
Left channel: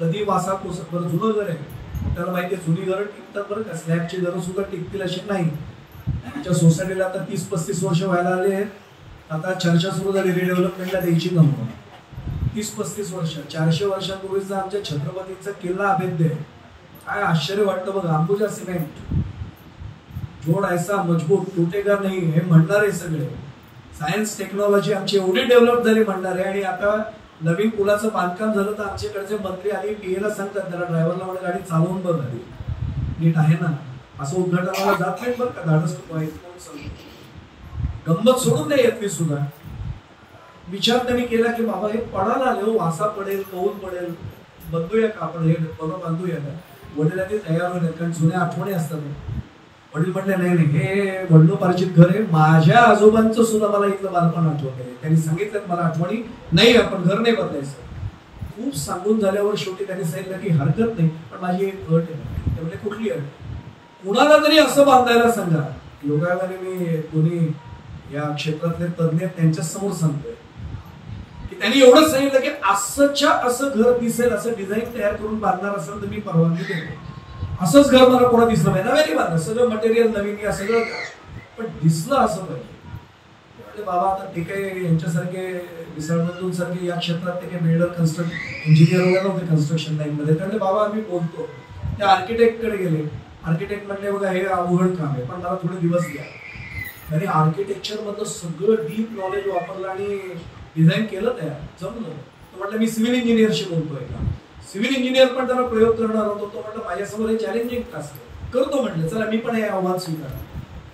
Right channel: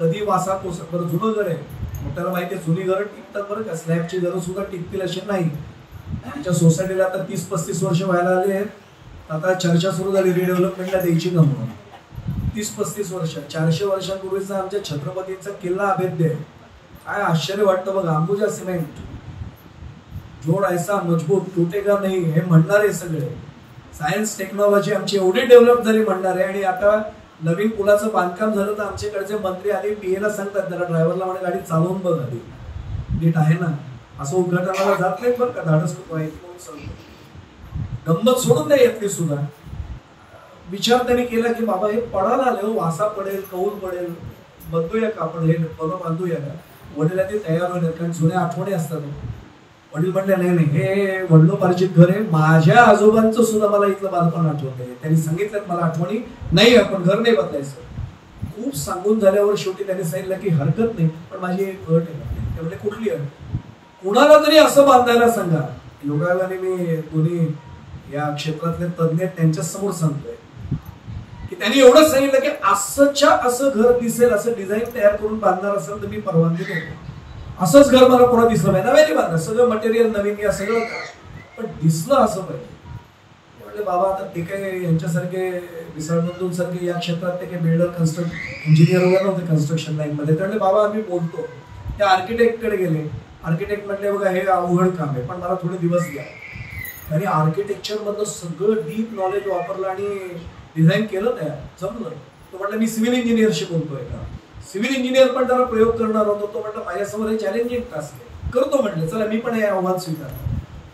कधी वासा कोसळ. बरं जुनं घर आहे, मग त्याला माहिती आहे जुनी घरं टिकतात बरं का, स्लॅबची घरं सुद्धा टिकतील अशी नाही. आमच्या सोसायटीला आता 30-35 वर्ष व्हायला आले आहेत. आता चर्चा सुरू झाली रिडेव्हलपमेंटला द्यायची गमून. 30-35 वर्ष, 400 वर्षांपूर्वीचा आमच्या छत्रपतींचा किल्ला अभेद्य आहे. काय आश्चर्य वाटतं बघा. अंबुजा सिमेंट, जोड ऐसा मजबूत, टुटेगा नाही, हे म्हणणारे सगळे. सायन्स टेक्नॉलॉजी आमची एवढी डेव्हलप झाली म्हणणारे. आणि आता नवीन पुलाचं बांधकाम झालं तर आमच्याकडचे मंत्री आधी पीएला सांगतात, त्याला ड्रायव्हरला म्हणे गाडी चालवून बघ आधी नीट आहे ना. असं उद्घाटनाला जात नाही बरं का, धाडस गंमत सोडून नाही येत. सुद्धा विचार त्यांनी केला की बाबा हे पडायला आले, वासा पडेल, कौल पडेल, बंधूया का आपण, हे बांधूया का. वडिलांनी तयार होईल, कारण जुन्या आठवणी असतात. वडील म्हटले नाही नाही, हे वडिलोपार्जित घर आहे, माझ्या आजोबांचं सुद्धा मला इथलं बालपण आठवत आहे. त्यांनी सांगितलं मला आठवणी नाही, आपण घर नाही बदलायचं. खूप सांगून झाल्यावर शेवटी त्यांनी सांगितलं की हरकत नाही, पण माझी एक अट आहे. ते म्हणजे कुठली अट, कुणाला तरी असं बांधायला सांगा. योगायोगाने मी दोन्ही या क्षेत्रातले तज्ञ त्यांच्या समोर सांगतोय की त्यांनी एवढं सांगितलं की असंच्या असं घर दिसेल, असं डिझाईन तयार करून बांधणार असेल तर मी परवानगी देतो. असंच घर मला पुन्हा दिसलं पाहिजे, नव्याने बांधलं, सगळं मटेरियल नवीन या सगळं, पण दिसलं असं पाहिजे. म्हणजे बाबा आता ते काही यांच्यासारखे विसरबंधूंसारखे या क्षेत्रात ते काही बिल्डर इंजिनियर वगैरे नव्हते कन्स्ट्रक्शन लाईन मध्ये. त्यामुळे बाबा आम्ही बोलतो, त्या आर्किटेक्टकडे गेले. आर्किटेक्ट म्हणले बघा हे अवघड काम आहे, पण मला थोडे दिवस द्या. आणि आर्किटेक्चर मधलं सगळं डीप नॉलेज वापरलं आणि डिझाईन केलं, तयार जमलं. तो म्हटलं मी सिव्हिल इंजिनियरशी बोलतोय का, सिव्हिल इंजिनियर पण जरा प्रयोग करणार होतो. तो म्हटलं माझ्यासमोर चॅलेंजिंग टास्क आहे, करतो म्हटलं, चला मी पण हे आव्हान स्वीकार.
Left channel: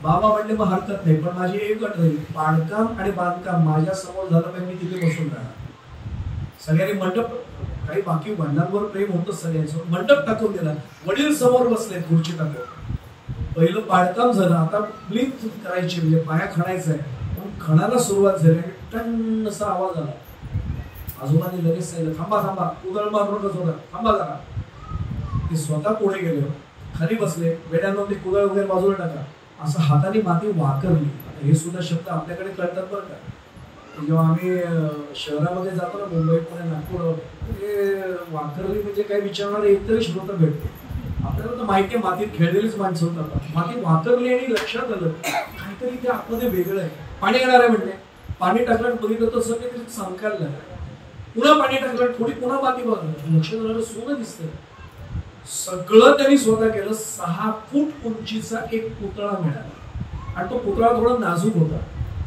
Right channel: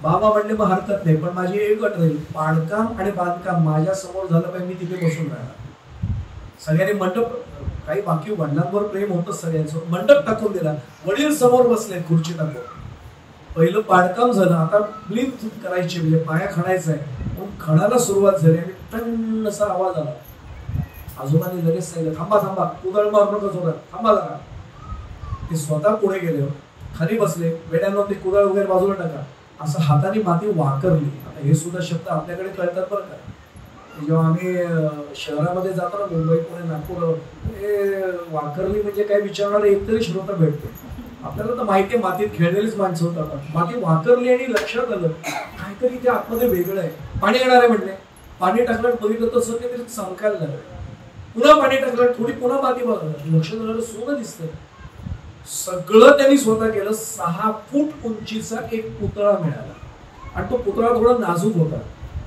बाबा म्हणले मग हरकत नाही, पण माझी एक अट राहील, पाडकाम आणि बांधकाम माझ्या समोर झालं पाहिजे, मी तिथे बसून राहणार. सगळ्यांनी मंडप, काही बाकी वडिलांवर प्रेम होतं सगळ्यांचं, मंडप टाकून दिला. वडील समोर बसले खुर्ची टाकून. पहिलं पाडकाम झालं, आता ब्लिप करायची म्हणजे पाया खणायचा आहे. मग खणाला सुरुवात झाली आणि टन असा आवाज आला. आजोबांनी लगेच सांगितलं थांबा थांबा, कुदळ मारू नका जोरात, थांबा जरा. ते स्वतः पुढे गेले, खाली बसले. वेड्यानं ते कुदळ वगैरे बाजूला टाका, असं हाताने माती वाकरली. आता हे सुद्धा शब्द आपल्याकडे कळतात बरं का. जेव्हा आम्ही शहरामध्ये जातो ना, मुंबई पुणे नागपूर, हे वाकरली म्हणजे काय विचारणार एकतरी श्रोता भेटतो. आपल्याला तर माहिती मातीत खेळलेलीच माणसं होतात. माती वाकरली आणि लक्षात आलं काहीतरी ते आतमध्ये वेगळं आहे. पाणी येणार आहे म्हणले, पाणी टाकलं बघितलं तर सगळे चमकायला लागलं. पुन्हा पाणी टाकलं, थोडी पुन्हा माती बघा, लक्ष झालं सोनं दिसतंय. सगळं त्यांनी स्वतः केलं. 6 फूट उंचीचा एक पुतळा मिळाला आणि तो पुतळा थोडा नाजूक होता.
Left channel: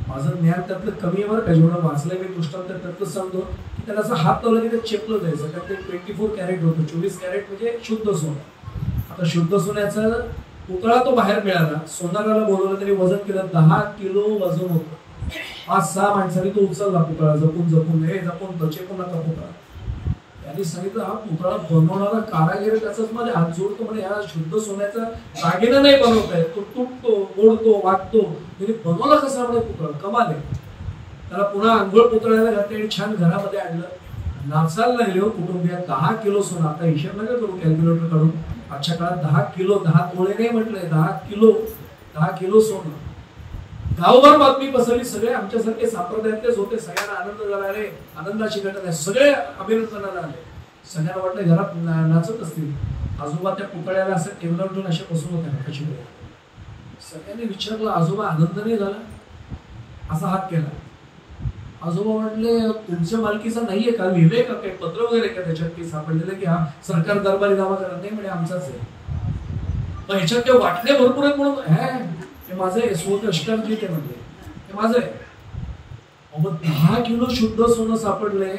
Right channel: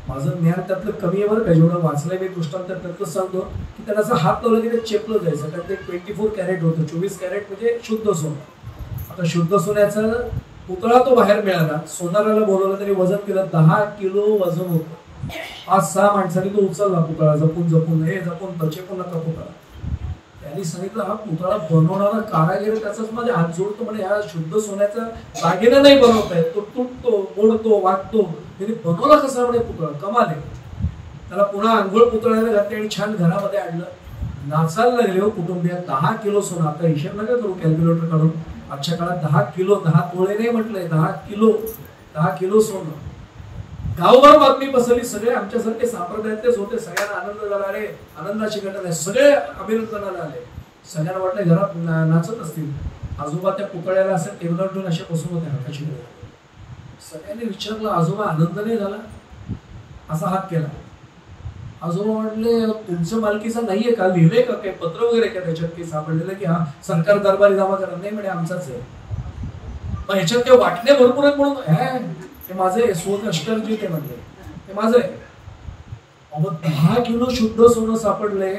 माझं ज्ञान त्यातलं कमी आहे बरं का, जेवढं वाचलंय मी दृष्टांत त्यातलं सांगतो की त्याला असं हात लावलं की ते चेपलं जायचं, कारण ते 24 कॅरेट होतं. 24 कॅरेट म्हणजे शुद्ध सोनं. आता शुद्ध सोन्याचा पुतळा तो बाहेर मिळाला. सोनाराला बोलवलं, तरी वजन केलं, 10 किलो वजन होतं. 5-6 माणसांनी तो उचलला पुतळा, जपून जपून, हे जपून चेपून नका पुतळा. त्यांनी सांगितलं, हा पुतळा बनवणारा कारागीर त्याचाच माझे हात जोडतो म्हणे, ह्या शुद्ध सोन्याचा दागिना नाही बनवताय, तो तुटतो, मोडतो, वाटतो, त्यांनी बनवला कसा म्हणे पुतळा, कमाल आहे. त्याला पुन्हा आंघोळ पुतळ्याला घातली आणि छान घरामध्ये आणलं. नाचायला लागले हो कुटुंबीय. 10 किलो सोनं. आता हिशेब नका करू कॅल्क्युलेटर काढून. आजच्या काळात 10 किलो, 10 तोळे नाही म्हटलंय, 10 किलो सोनं. गावभर बातमी पसरली. सगळे आमच्यासारखे संप्रदायातलेच होते. सगळ्यांना आनंद झाला. अरे आनंदाची घटना आहे. सगळे अभिनंदनाला आले. सगळ्यांना वाटलं घरात नाचत असतील. आजोबा त्या पुतळ्याला असं टेबलावर ठेवून असे बसून होते हाताची वेळ. सगळ्यांनी विचारलं, आजोबा आनंद नाही झाला? असा हात केला. आजोबा म्हटले, तुमचं मालकीचं नाहीये का? लिहिले का काही पत्र वगैरे का त्याच्यात की सापडलेलं की हा सरकार दरबारी दावा करा? नाही म्हणे, आमचाच आहे. मग ह्याच्यात काही वाटणे भरपूर आहेत म्हणून हे माझे स्वकष्टांची ते म्हणजे हे माझं आहे. 10 किलो शुद्ध सोनं सापडलंय.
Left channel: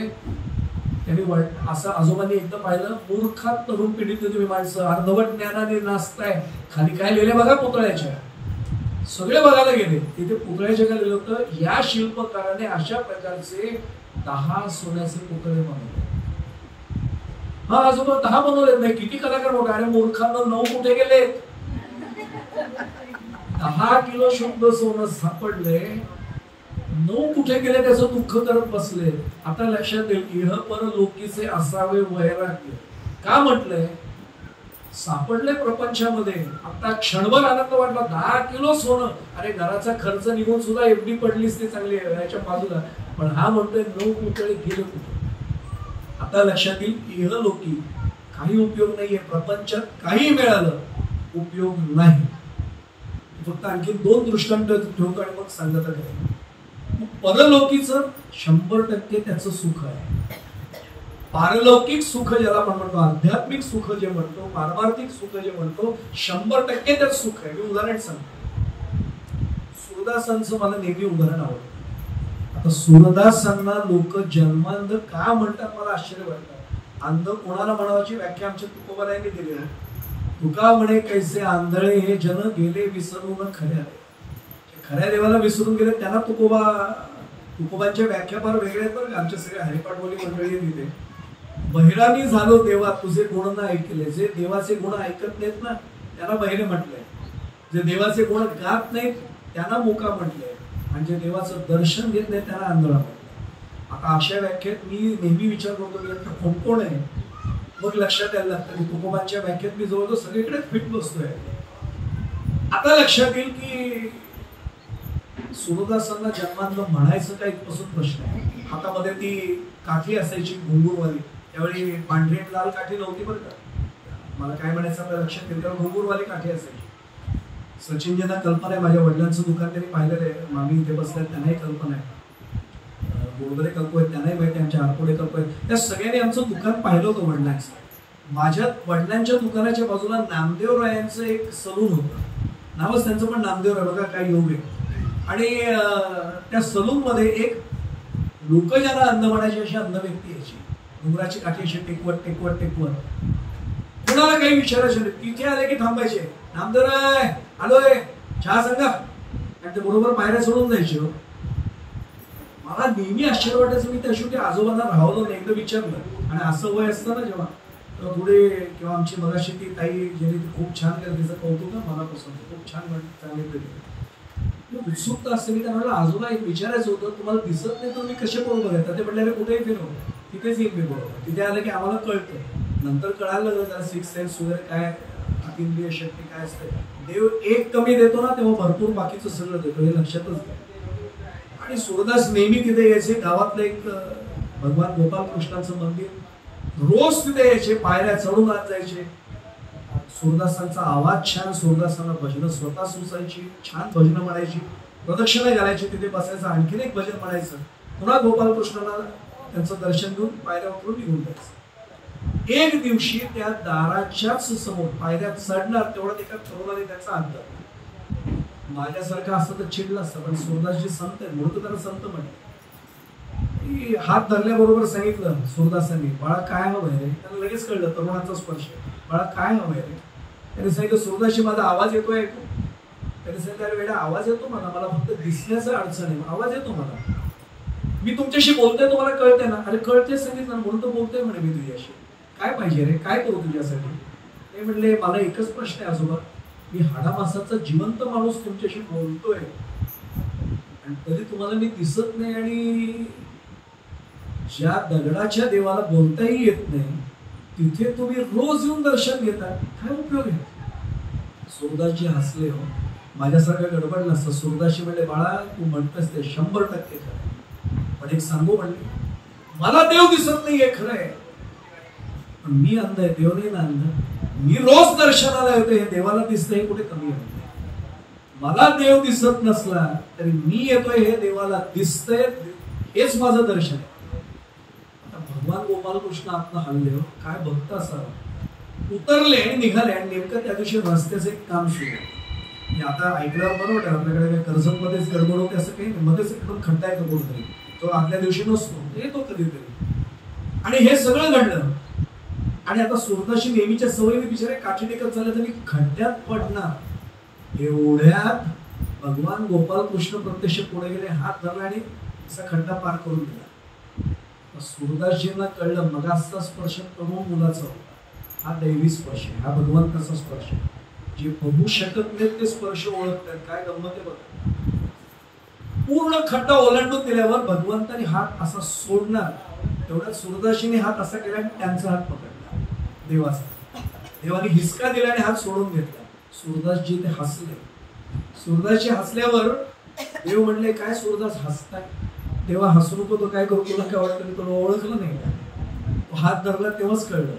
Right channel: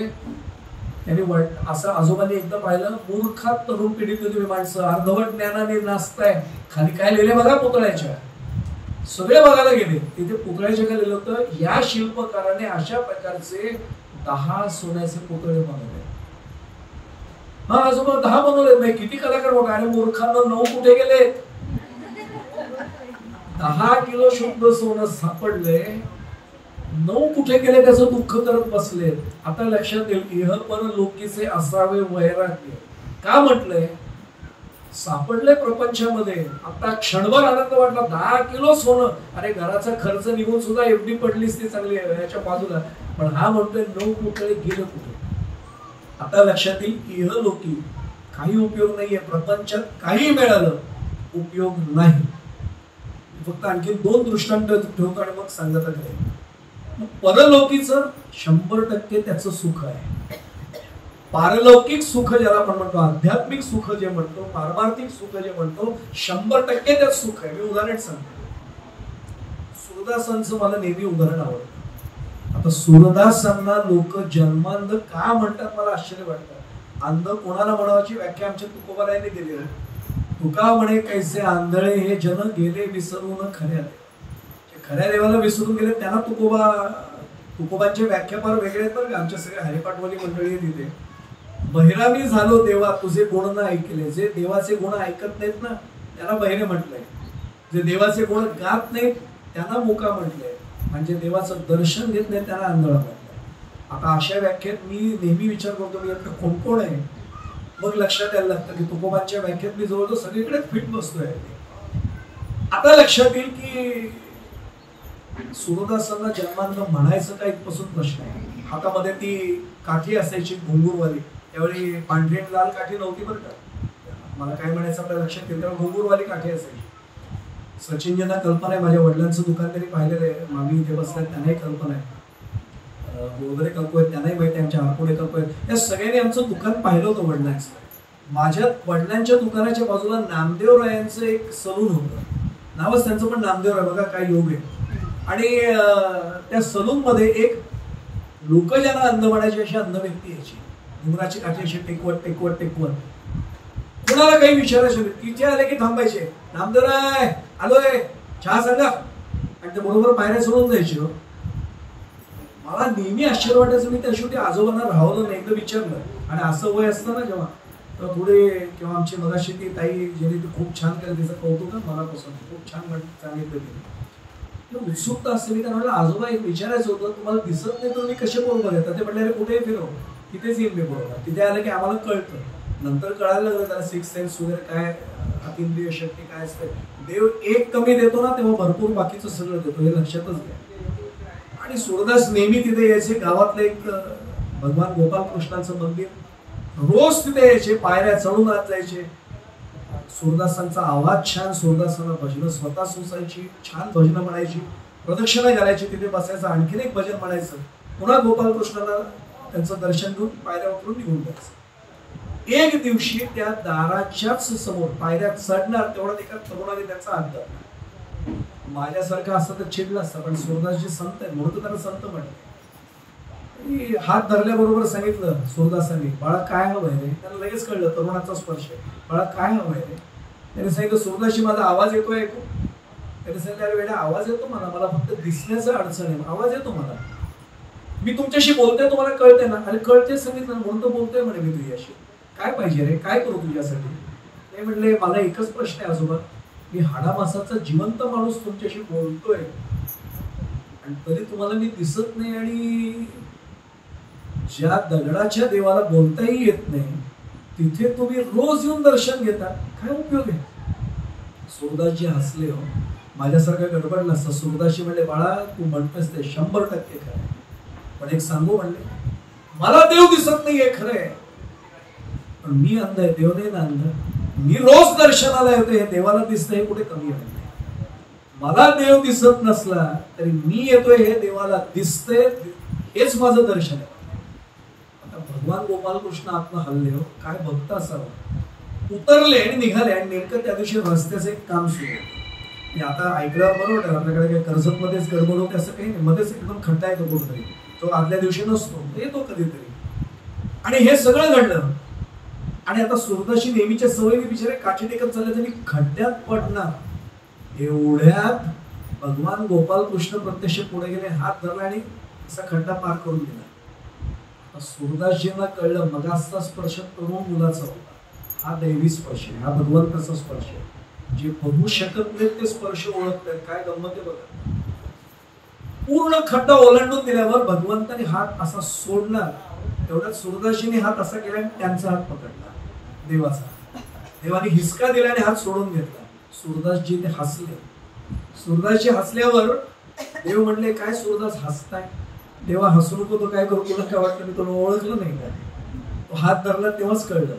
त्यांनी असं आजोबांनी एकदा पाहिलं, मूर्खात तरुण पिढीतले तुम्ही माणसं, अर्धवट ज्ञानाने नाचताय. खाली काय लिहिले बघा पुतळ्याच्या. सगळे बघायला गेले. तिथे पुतळ्याच्या काय लिहिलं होतं, या शिल्पकाराने अशा प्रकारचे 10 सोन्याचे पुतळे बनवले. हा आजोबा 10 बनवले नाही, किती कलाकार मोठा. अरे मूर्खांना 9 कुठे गेले? 10 किलो शुद्ध सोनं सापडले, 9 कुठे गेले त्याचं दुःख करत बसले. आता लक्षात येईल, इह पर लोकीचे असावे वैराग्य. का म्हटलंय? सापडले प्रपंचामध्ये. आता क्षणभर आनंद वाटला. 10 किलो सोनं. अरे घराचा खर्च निघून सुद्धा एवढी पडलीच ती चांगली आहे याच्या बाजूला. पण हा म्हणतोय 9 कुठे गेलं कुठे. आता लक्षात येईल, इह लोकी काही उपयोग नाहीये. प्रपंचात काही मिळालं उपयोग नाही. फक्त आणखी 2 दृष्टांत ठेवतो आणि मग सांगत आहे. परलौकिकचं 100% त्याचं सुख आहे. पारलौकिक सुख ज्याला आपण म्हणतो, आध्यात्मिक सुख जे म्हणतो, पारमार्थिक सुख जे म्हणतो, 100% त्यात सुख आहे. मी उदाहरण सांगतो. सूरदासांचं मला नेहमी उदाहरण आवडतं. आता सूरदासांना लोक जन्मांध का म्हणतात मला आश्चर्य वाटतं. अंध कोणाला म्हणावाची व्याख्या आमच्या तुकोबारायांनी दिली आहे. तुका म्हणे, कैसे आंधळे हे जन गेले विसरून खऱ्या. खऱ्या देवाला विसरून गेले त्यांना तुकोबांच्या व्याख्या फार वेगळ्या आहेत बरं का. आमच्या सगळ्या हरिपाठवाली मंडळी तिथे. बहिरामी झालो देवा तुझे गुण न ऐकले. जे देवाचे गुण ऐकत नाहीत ना त्यांना बहिरे म्हटलंय. जे देवाचे गुण गात नाहीत त्यांना मुका म्हटलंय. म्हणजे देवाचं दर्शन घेत नाही त्यांना आंधळा म्हटलंय. आता अशा व्याख्येत मी नेहमी विचार करतो, मी कोण कोण आहे. मग लक्षात यायला लागतं की तुकोबांच्या व्याख्येत मी जवळजवळ सगळीकडेच फिट बसतोय. आता लक्षात येईल की सूरदासांना जन्मांध म्हणायचं का इथपासून प्रश्न आहे. हातामध्ये ती काठी असायची घुंगूरवाली. त्यावेळी पांढरी लाल काठी नव्हती बरं का. मला काय म्हणायचं आपल्या लक्षात येईल, तेव्हा घुंगूरवाली काठी असायची. सचिनजींना कल्पना आहे, माझ्या वडिलांचं दुकान त्यांनी पाहिलेलं आहे. मामी इथे बसले त्यांनाही कल्पना आहे. गोदरे काकू आहेत त्यांनाही माहिती आहे. आमच्या आरपोडे काकू आहेत. त्या सगळ्यांनी आमचं दुकान पाहिलं होतं वडिलांचं. माझ्या वडिलांच्या दुकानाच्या बाजूला नामदेवरायांचं एक सलून होतं. नावच त्यांचं पण नामदेव आहे. बघा काय योग आहे. आणि त्या सलून मध्ये एक लोक ज्यांना अंध म्हणायची अशी अंध व्यक्ती यायची. डोंगराची काठी अशी टेकवत टेकवत टेकवत. कुणाला काही विचारायचं तिथे आले की थांबायचे. नामदेवराय आलोय, चहा सांगा. आणि ते बरोबर पायऱ्या सोडून जायचे. मला नेहमी आश्चर्य वाटायचं. मी त्या शेवटी आजोबांना राहवलं नाही, एकदा विचारलं. आणि असं वय असतं ना जेव्हा थोडे, किंवा आमची मगाशी ती ताई ज्यांनी ती खूप छान केलं, त्याचं कौतुक मनापासून खूप छान सांगितलं. उत्सुकता असते. मी त्यांना म्हटलं, आजोबा एक विचारायचं होतं, तुम्हाला दिसत नाही तर मी कसे बरोबर येतात? ते म्हणले, अरे कुठेही फिरव, तिथेच येईल मी बरोबर. तिथे आलं की आम्हाला कळतं. नंतर कळायला लागलं त्याला 6 सेन्स वगैरे काय, अतिंद्रिय शक्ती काय असते. देव एक कमी देतो ना तेव्हा भरपूर बाकीचं सगळं देतो, हे लक्षातच घ्या. आणि सूरदास नेहमी तिथे यायचे. गावातलं एक भगवान गोपालकृष्णाचं मंदिर, रोज तिथे यायचे. पायऱ्या चढून आत जायचे. सूरदासांचा आवाज छान. सूरदासांना भजनं स्वतः सुचायची, छान भजनं म्हणायची, प्रदक्षिणा घालायची, तिथे बसायचं, आणखीन एक भजन म्हणायचं, पुन्हा गोपालकृष्णाला त्यांचं दर्शन घेऊन पायऱ्या उतरून निघून जायचं. एक दिवशी त्या दाराच्याच समोर पायऱ्या चढणार तेवढ्यात एका तरुणाने त्याचा हात धरला. माझ्यासारखं असतं तर चिडलं असतं, पण सूरदासजी संत आहे म्हणून त्याला संत म्हणते. हात धरल्याबरोबर सांगितलं सूरदासांनी, बाळा काय हवंय रे? त्याला लगेच कळलं तरुणाचा स्पर्श आहे. बाळा काय हवंय रे? त्याने सांगितलं सूरदासजी माझा आवाज येतोय ऐकू. त्याने सांगितलं वेळा आवाज येतो मला फक्त दिसण्याचं अडचण आहे, आवाज येतो मला, मी तुमच्याशी बोलतोय तुम्हाला कळते ना? अरे कळते सांगितलं म्हणून तर बोलतोय म्हणे मी तुझ्याशी. काय पाहिजे रे? काय करू तुझ्यासाठी? नाही म्हणले मला एकच प्रश्न आहे आजोबा, मी हाडामासाचा जिवंत माणूस तुमच्याशी बोलतोय आणि तरी तुम्हाला मी दिसत नाही आणि ज्या दगडाच्या देवाला बोलताही येत नाही तिथे तुम्ही रोज येऊन दर्शन घेता, काय उपयोग आहे? सूरदासजी हसले. हो माझ्यासारखा गडबडला असता. सूरदासजी म्हणले बाळा तू म्हणतोस ते 100% खरं, पण एक सांगू म्हणले, मला देव दिसत नाहीये खरंय, पण मी अंध आहे, देव नाही ना अंध. मी रोज दर्शनाला येते, हे देवाला दिसतं हे कुठे कमी आहे? मला देव दिसत नसला तरी मी येतोय हे देवाला दिसतंय, हेच माझं दर्शन आहे. आता भगवान गोपालकृष्ण आत्मा हल्ले. काय भक्त असावा. उतरले आणि निघाले आणि नेमकं त्या दिवशी रस्त्याचं एक काम सुरू. मी आता ऐकल्यावर बरोबर आहे, आपल्याकडे काही कर्जत मध्येच गडबड होते असं काही नाही, मध्येच एकदम खड्डा येतो कोणतरी, तो आदल्या दिवशी नसतो, येतो कधीतरी. आणि हे सगळं घडलं आणि आता सूरदासजी नेहमीच्या सवयीने बिचारे काठी टेकत झाले तर मी खड्ड्यात पडणार. एवढ्यात भगवान गोपालकृष्ण प्रत्यक्ष पुढे गेले, हात धरला आणि असा खड्डा पार करून दिला. सूरदासजींना कळलं मगाचा स्पर्श तरुण मुलाचा होता, हा दैवी स्पर्श आहे, हा भगवंताचा स्पर्श आहे. जे बघू शकत नाही ते स्पर्श ओळखतात. काय गंमत आहे बघा. पूर्ण खड्डा ओलांडून दिल्यावर भगवंताने हात असा सोडणार, तेवढ्यात सूरदासजीने हात असा केला आणि त्यांचा हात पकडला देवाचा. देवाने हिसका दिला आणि हात सोडून घेतला. सूरदासजी ते हसले. सूरदासजी हसल्यावर देव म्हणले काय सूरदास हसताय? देवा हसू नको, तो काय करू, तुला काय वाटतं मी तुला ओळखलं नाही का? तो हात धरला तेव्हाच कळलं,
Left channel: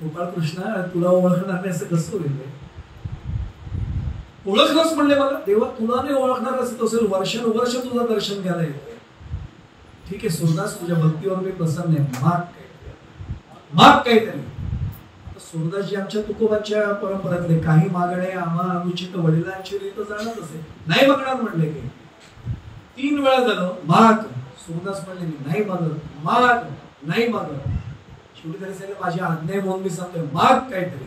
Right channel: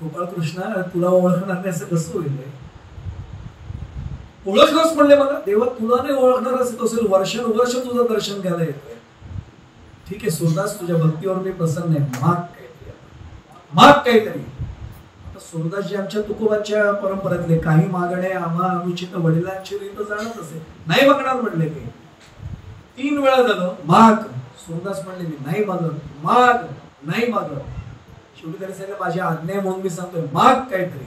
गोपालकृष्णा तुला ओळखणार नाही असं कसं होईल? ओळखलंच म्हणले मला. देवा तुला नाही ओळखणार असं असेल, वर्षानुवर्ष तुझं दर्शन घ्यायला येतं. ठीक आहे सूरदास तुझ्या भक्तीवर मी प्रसन्न आहे, माग काहीतरी, माग काहीतरी. आता सूरदासजी आमच्या तुकोबांच्या परंपरेतले, काही मागणे आम्हा अनुचित वडिलांची रीत जाणत असे, नाही मागणार म्हणले की 3 वेळा झालं माग. सूरदास म्हणले मी नाही मागत, माग नाही मागत. शेवटी त्यांनी सांगितलं माझी आज्ञा म्हणून मी सांगतोय माग काहीतरी.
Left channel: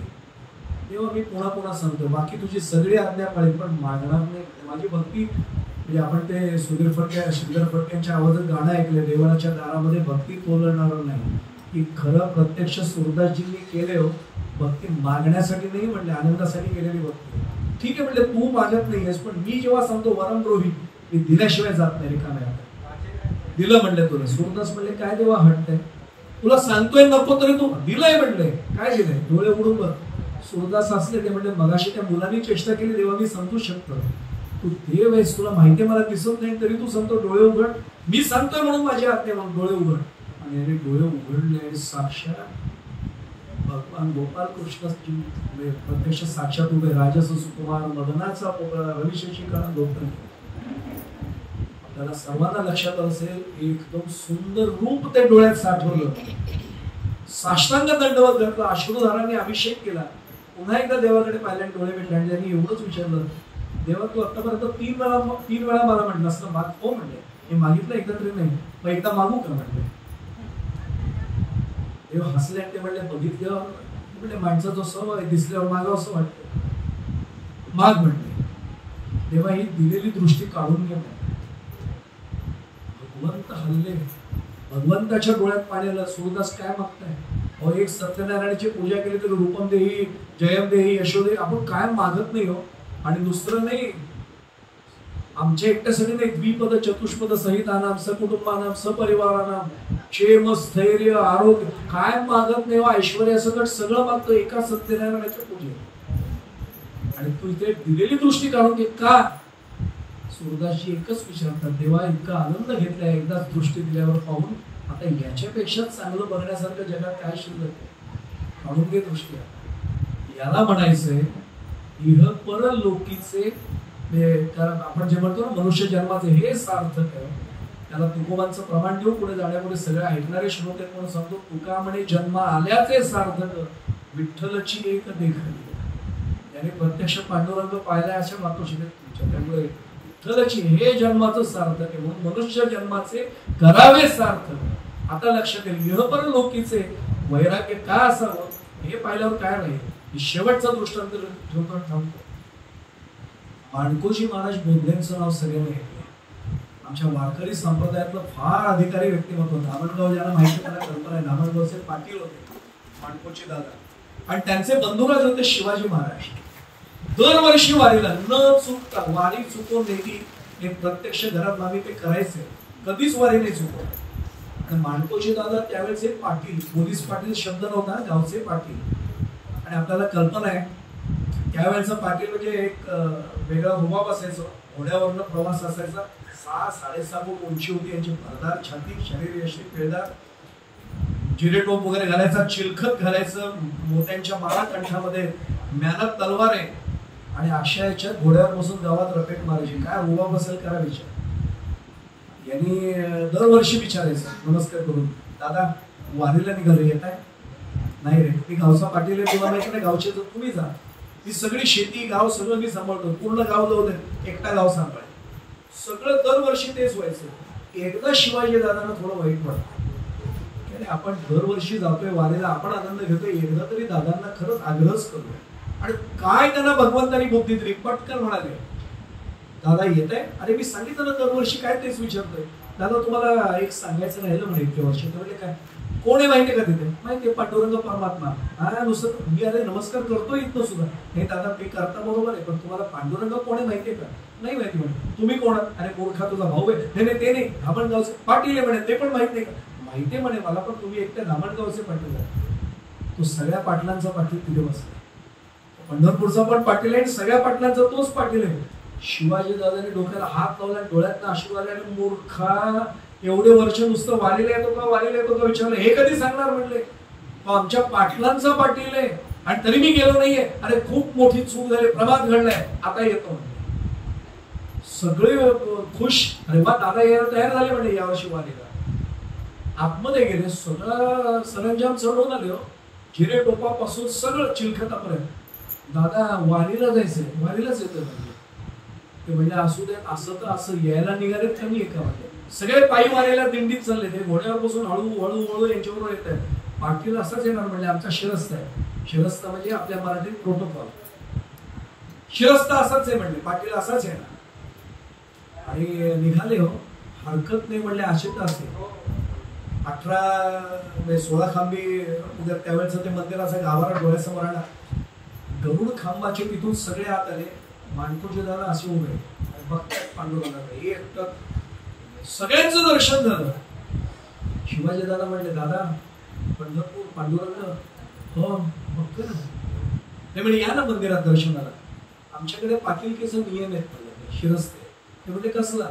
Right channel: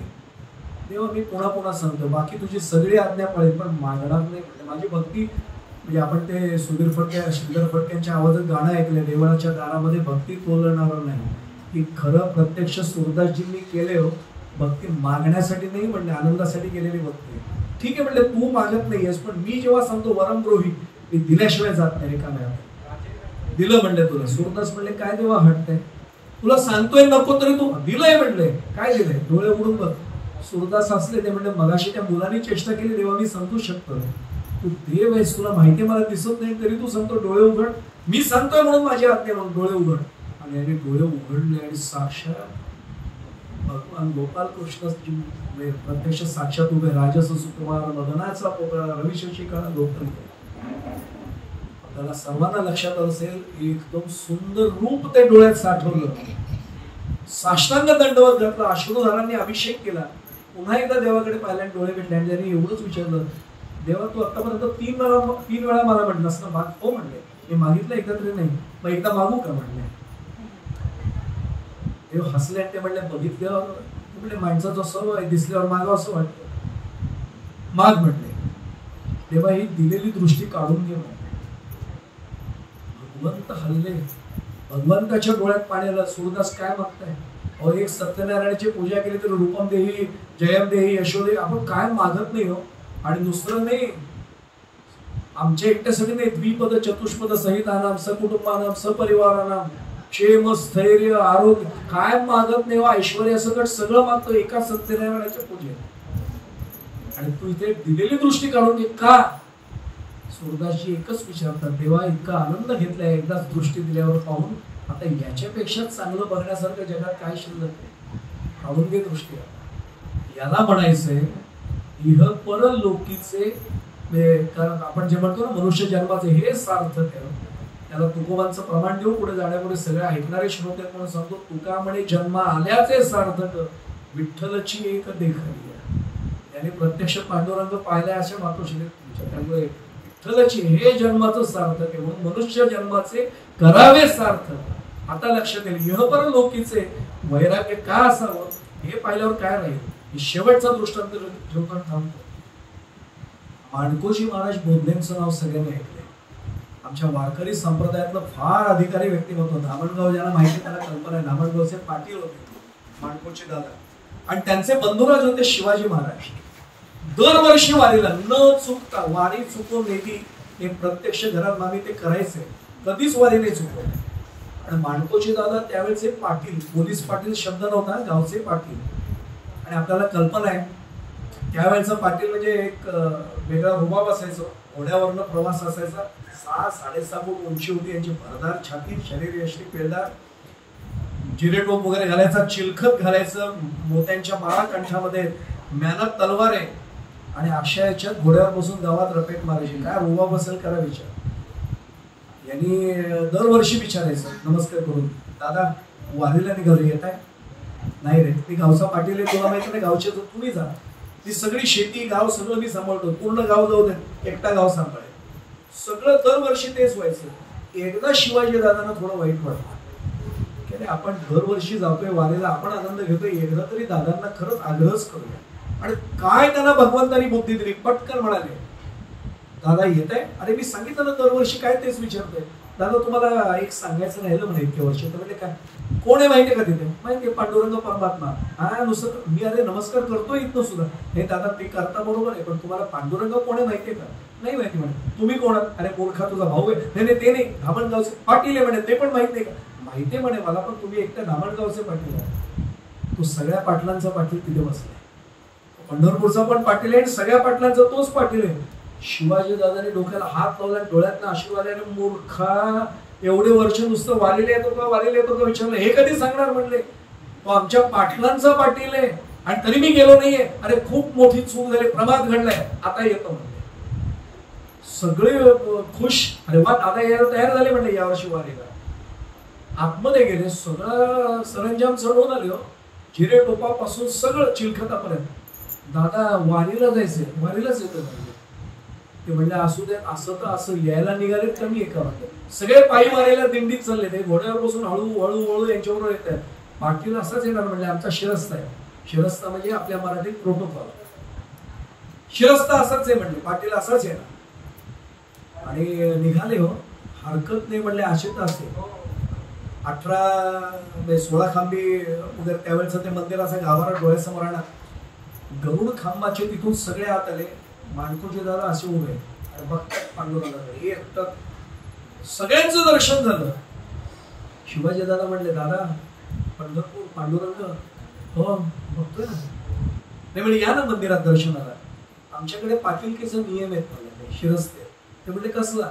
तेव्हा मी पुन्हा पुन्हा सांगतो बाकी तुझी सगळी आज्ञा पाळेल पण मागणार नाही. माझी भक्ती म्हणजे आपण ते सुधीर फडके श्रीधर फडक्यांच्या आवाजात गाणं ऐकलं, देवळाच्या दारामध्ये भक्ती तोलणार नाही. की खरं प्रत्यक्ष सूरदासजींनी केले हो भक्ती, मागण्यासाठी नाही म्हणले, आनंदासाठी केलेली भक्ती. ठीक आहे म्हणले तू मागत नाहीयेस, पण मी जेव्हा सांगतो वरमद्रोही मी दिल्याशिवाय जात नाही रिकाम्या. दिलं म्हणले तुला. सूरदास म्हणले काय देवा हटतंय, तुला सांगतोय नको तरी तू दिलंय म्हणले. काय दिलंय? डोळे उघडून बघ. सूरदास असले ते म्हणले मगाशी त्या मुलांनी चेष्टा केली देवा मी सांगतो शकतो, तू देव आहेस, तुला माहिती मला दिसत नाही तरी तू सांगतो डोळे उघड, मी सांगतोय म्हणून माझी आज्ञा म्हणून डोळे उघड. आणि डोळे उघडले आणि साक्षात भगवान गोपालकृष्ण प्रत्यक्ष साक्षात उभे. राजस सुकुमार मदनाचा पोकळा रविशशिका गोपन. आपल्याला सर्वांना लक्षात असेल एकदम सुंदर रूप ते डोळ्यात साठवलं. साष्टांग दंडवत घातलं, अश्रुधारांनी अभिषेक केला. पुन्हा एकदा देवाकडे पाहिल्याने डोळे भेटले आणि त्यांनी एवढंच विचारलं देवा तू आतापर्यंत 3 वेळा मला म्हटलं असं माग हो म्हणले. मी मागितलं एकदा तरी नाही, मग एकदा मागू का म्हणले. देव हसले आणि ते म्हणले बघितल्यावर म्हणले माणसाचा सर्व आहे दिसल्यावर मागावं असं वाटतं, माग म्हणले. देवा ही दिलेली दृष्टी काढून घे. भगवंत हल्ले, भगवंताच्या डोळ्यात पाणी आलं. सूरदास काय मागताय? अहो एक सत्यनारायणाची पूजा केली तर रूपम देही जयम देही यशोदेही, आपण काय मागत नाही हो. आणि दुसरं नाही, आमच्या एकट्यासाठी नाही, द्विपद चतुष्पद सहितानाम सकुटुंबानाम सपरिवारानाम क्षेम स्थैर्य आरोग्य काय मागत नाही. ऐश्वर्यासकट सगळं मागतो एका सत्यनारायणाच्या पूजेत. आणि तू इथे दिलेली दृष्टी काढून घे का? सूरदासजी एकच विचारतात देवा इतका आनंद घेतलाय एकदाच दृष्टी दिल्यावर पाहून, आता याच्यापेक्षा चांगलं बघण्यासारखं जगात काय शिल्लक आहे? काढून घे दृष्टी. याला म्हणायचंय इह परलोकीचे, कारण आपण जे म्हणतो ना मनुष्य जन्माचे हे सार्थक आहे. त्याला तुकोबांचं प्रमाण देऊ पुढे जाण्यापूर्वी सगळे ऐकणारे श्रोते म्हणून सांगतो, तुका म्हणे जन्म आल्याचे सार्थक विठ्ठलची एक देखणी. त्यांनी प्रत्यक्ष पांडुरंग पाहिलाय अशा मातोश्री तुमच्या, त्यामुळे विठ्ठलची हे जन्माचं सार्थक आहे म्हणून मनुष्य जन्माचे करावे सार्थक. आता लक्षात येईल इहपर लोकीचे वैराग्य का असावं हे पाहिल्यावर काय राहील. शेवटचा दृष्टांत घेऊन थांबतो. माणकोजी महाराज बोधलेंचं नाव सगळ्यांना ऐकलं. आमच्या वारकरी संप्रदायातलं फार अधिकारी व्यक्तिमत्व. धामणगाव ज्यांना माहिती त्यांना कल्पना आहे. धामणगावचे पाटील होते माणकोचे दादा, आणि त्यांचे बंधुराज होते शिवाजी महाराज. दरवर्षी वारीला न चुकता, वारी चुकून नेली हे प्रत्यक्ष घरात आम्ही ते करायचे, कधीच वारी नाही चुकवली. आणि माणकोचे दादा त्यावेळेचे पाटील, पोलीस पाटील शब्द नव्हता, गावचे पाटील. आणि आपल्याला कल्पना आहे त्यावेळेचा पाटील म्हणजे एक वेगळा रुबाब असायचं. घोड्यावरनं प्रवास असायचा. 6-6.5 फूट उंची होती यांची, भरदार छाती, शरीर यशी पेळदार, जिरेटोप वगैरे घालायचा, चिलखत घालायचं, मोत्यांच्या माळा कंठामध्ये, म्यानात तलवार आहे, आणि अक्षयाच्या घोड्यावर बसून गावात रपेट मारायची. काय रुबाब असेल करा विचार. यांनी दरवर्षी विचारायचं नमस्कार करून, दादा वारीला निघालो येत आहे? नाही रे, मी गावचा पाटील आहे, तुला माहिती नाही, गावचे तुम्ही जा. ती सगळी शेती गाव सगळं मी सांभाळतो, पूर्ण गाव जाऊ दे, एकटा गाव सांभाळे. सगळं दरवर्षी तेच व्हायचं. एकदा शिवाजी दादांना थोडं वाईट वाटतं की आपण दरवर्षी जातोय वारीला, आपण आनंद घेतोय, एकदा तरी दादांना खरंच आग्रहच करूया. आणि काय त्यांना भगवंतानी बुद्धी दिली, पटकन म्हणाले दादा येत आहे? अरे मी सांगितलं ना दरवर्षी, काय तेच विचारतोय. दादा तुम्हाला एक सांगायचं राहिलं म्हणे इतक्या वर्षी. तर म्हणजे काय, कोण आहे माहिती का तिथे? माहिती पांडुरंग परमात्मा. हा नुसतं मी अरे नमस्कार करतो इथं सुद्धा. हे दादा ते करता बरोबर आहे, पण तुम्हाला पांडुरंग कोण आहे माहितीये का? नाही माहिती म्हणे. तुम्ही कोण आहात? अरे मूर्खा तुझा भाऊ आहे. नाही ते नाही, धामणगावचे पाटील आहे म्हणे. ते पण माहित नाही का? माहिती म्हणे मला, पण तुम्ही एकट्या धामणगावचे पाटील आहे. तो सगळ्या पाटलांचा पाटील तिथे बसला. पंढरपूरचा पण पाटील आहे, सगळ्या पाटलांचा तोच पाटील आहे. शिवाजी दादाने डोक्याला हात लावला, डोळ्यातनं अश्रू आले, आणि मूर्खा एवढे वर्ष नुसतं वारीला येतो का वारीला येतो का विचारलं. हे कधी सांगणार म्हणले? तो आमच्या पाटलांचा पाटील आहे आणि तरी मी गेलो नाहीये. अरे खूप मोठी चूक झाली, प्रमाद घडलाय, आता येतो म्हणले. सगळे खुश. अरे वा दादा यायला तयार झाले म्हणले यावर्षी वारीला. आतमध्ये गेले, सगळं सरंजाम चढवून आले, जिरे टोपापासून सगळं चिलखतापर्यंत. दादा वारीला जायचंय, वारीलाच येतं म्हणजे. ते म्हणजे असू दे, असं तर असं यायला निघाले कमी आहे का म्हणजे. सगळे पायी वारीला दिंडीत चालले, ते घोड्यावर बसून हळूहळू यांच्याबरोबर येत आहे. पाटील असाच येणार म्हणजे आमचा शिरस्ता आहे. शिरस्ता म्हणजे आपल्या मराठीत प्रोटोकॉल. शिरस्ता असाच आहे म्हणले, पाटील असाच येणार. आणि निघाले हो, हरकत नाही म्हणले. असे तर असे 16 खांबी वगैरे त्यावेळेचं ते मंदिर असं गावाला डोळ्यासमोर आणा. गरुड खांबाचे तिथून सगळे आत आले. माणकोचे दादा असे उभे बघतात पांडुरंगाकडे. एकटक सगळ्यांचं दर्शन झालं. शिवाजी दादा म्हणले दादा पंढरपूर पांडुरंग हो बघतोय ना. ते म्हणजे या ना मंदिरात दर्शनाला. आमच्याकडे पाटीलकीचा नियम आहेत म्हणजे शिरस्ते. ते म्हणजे कसला,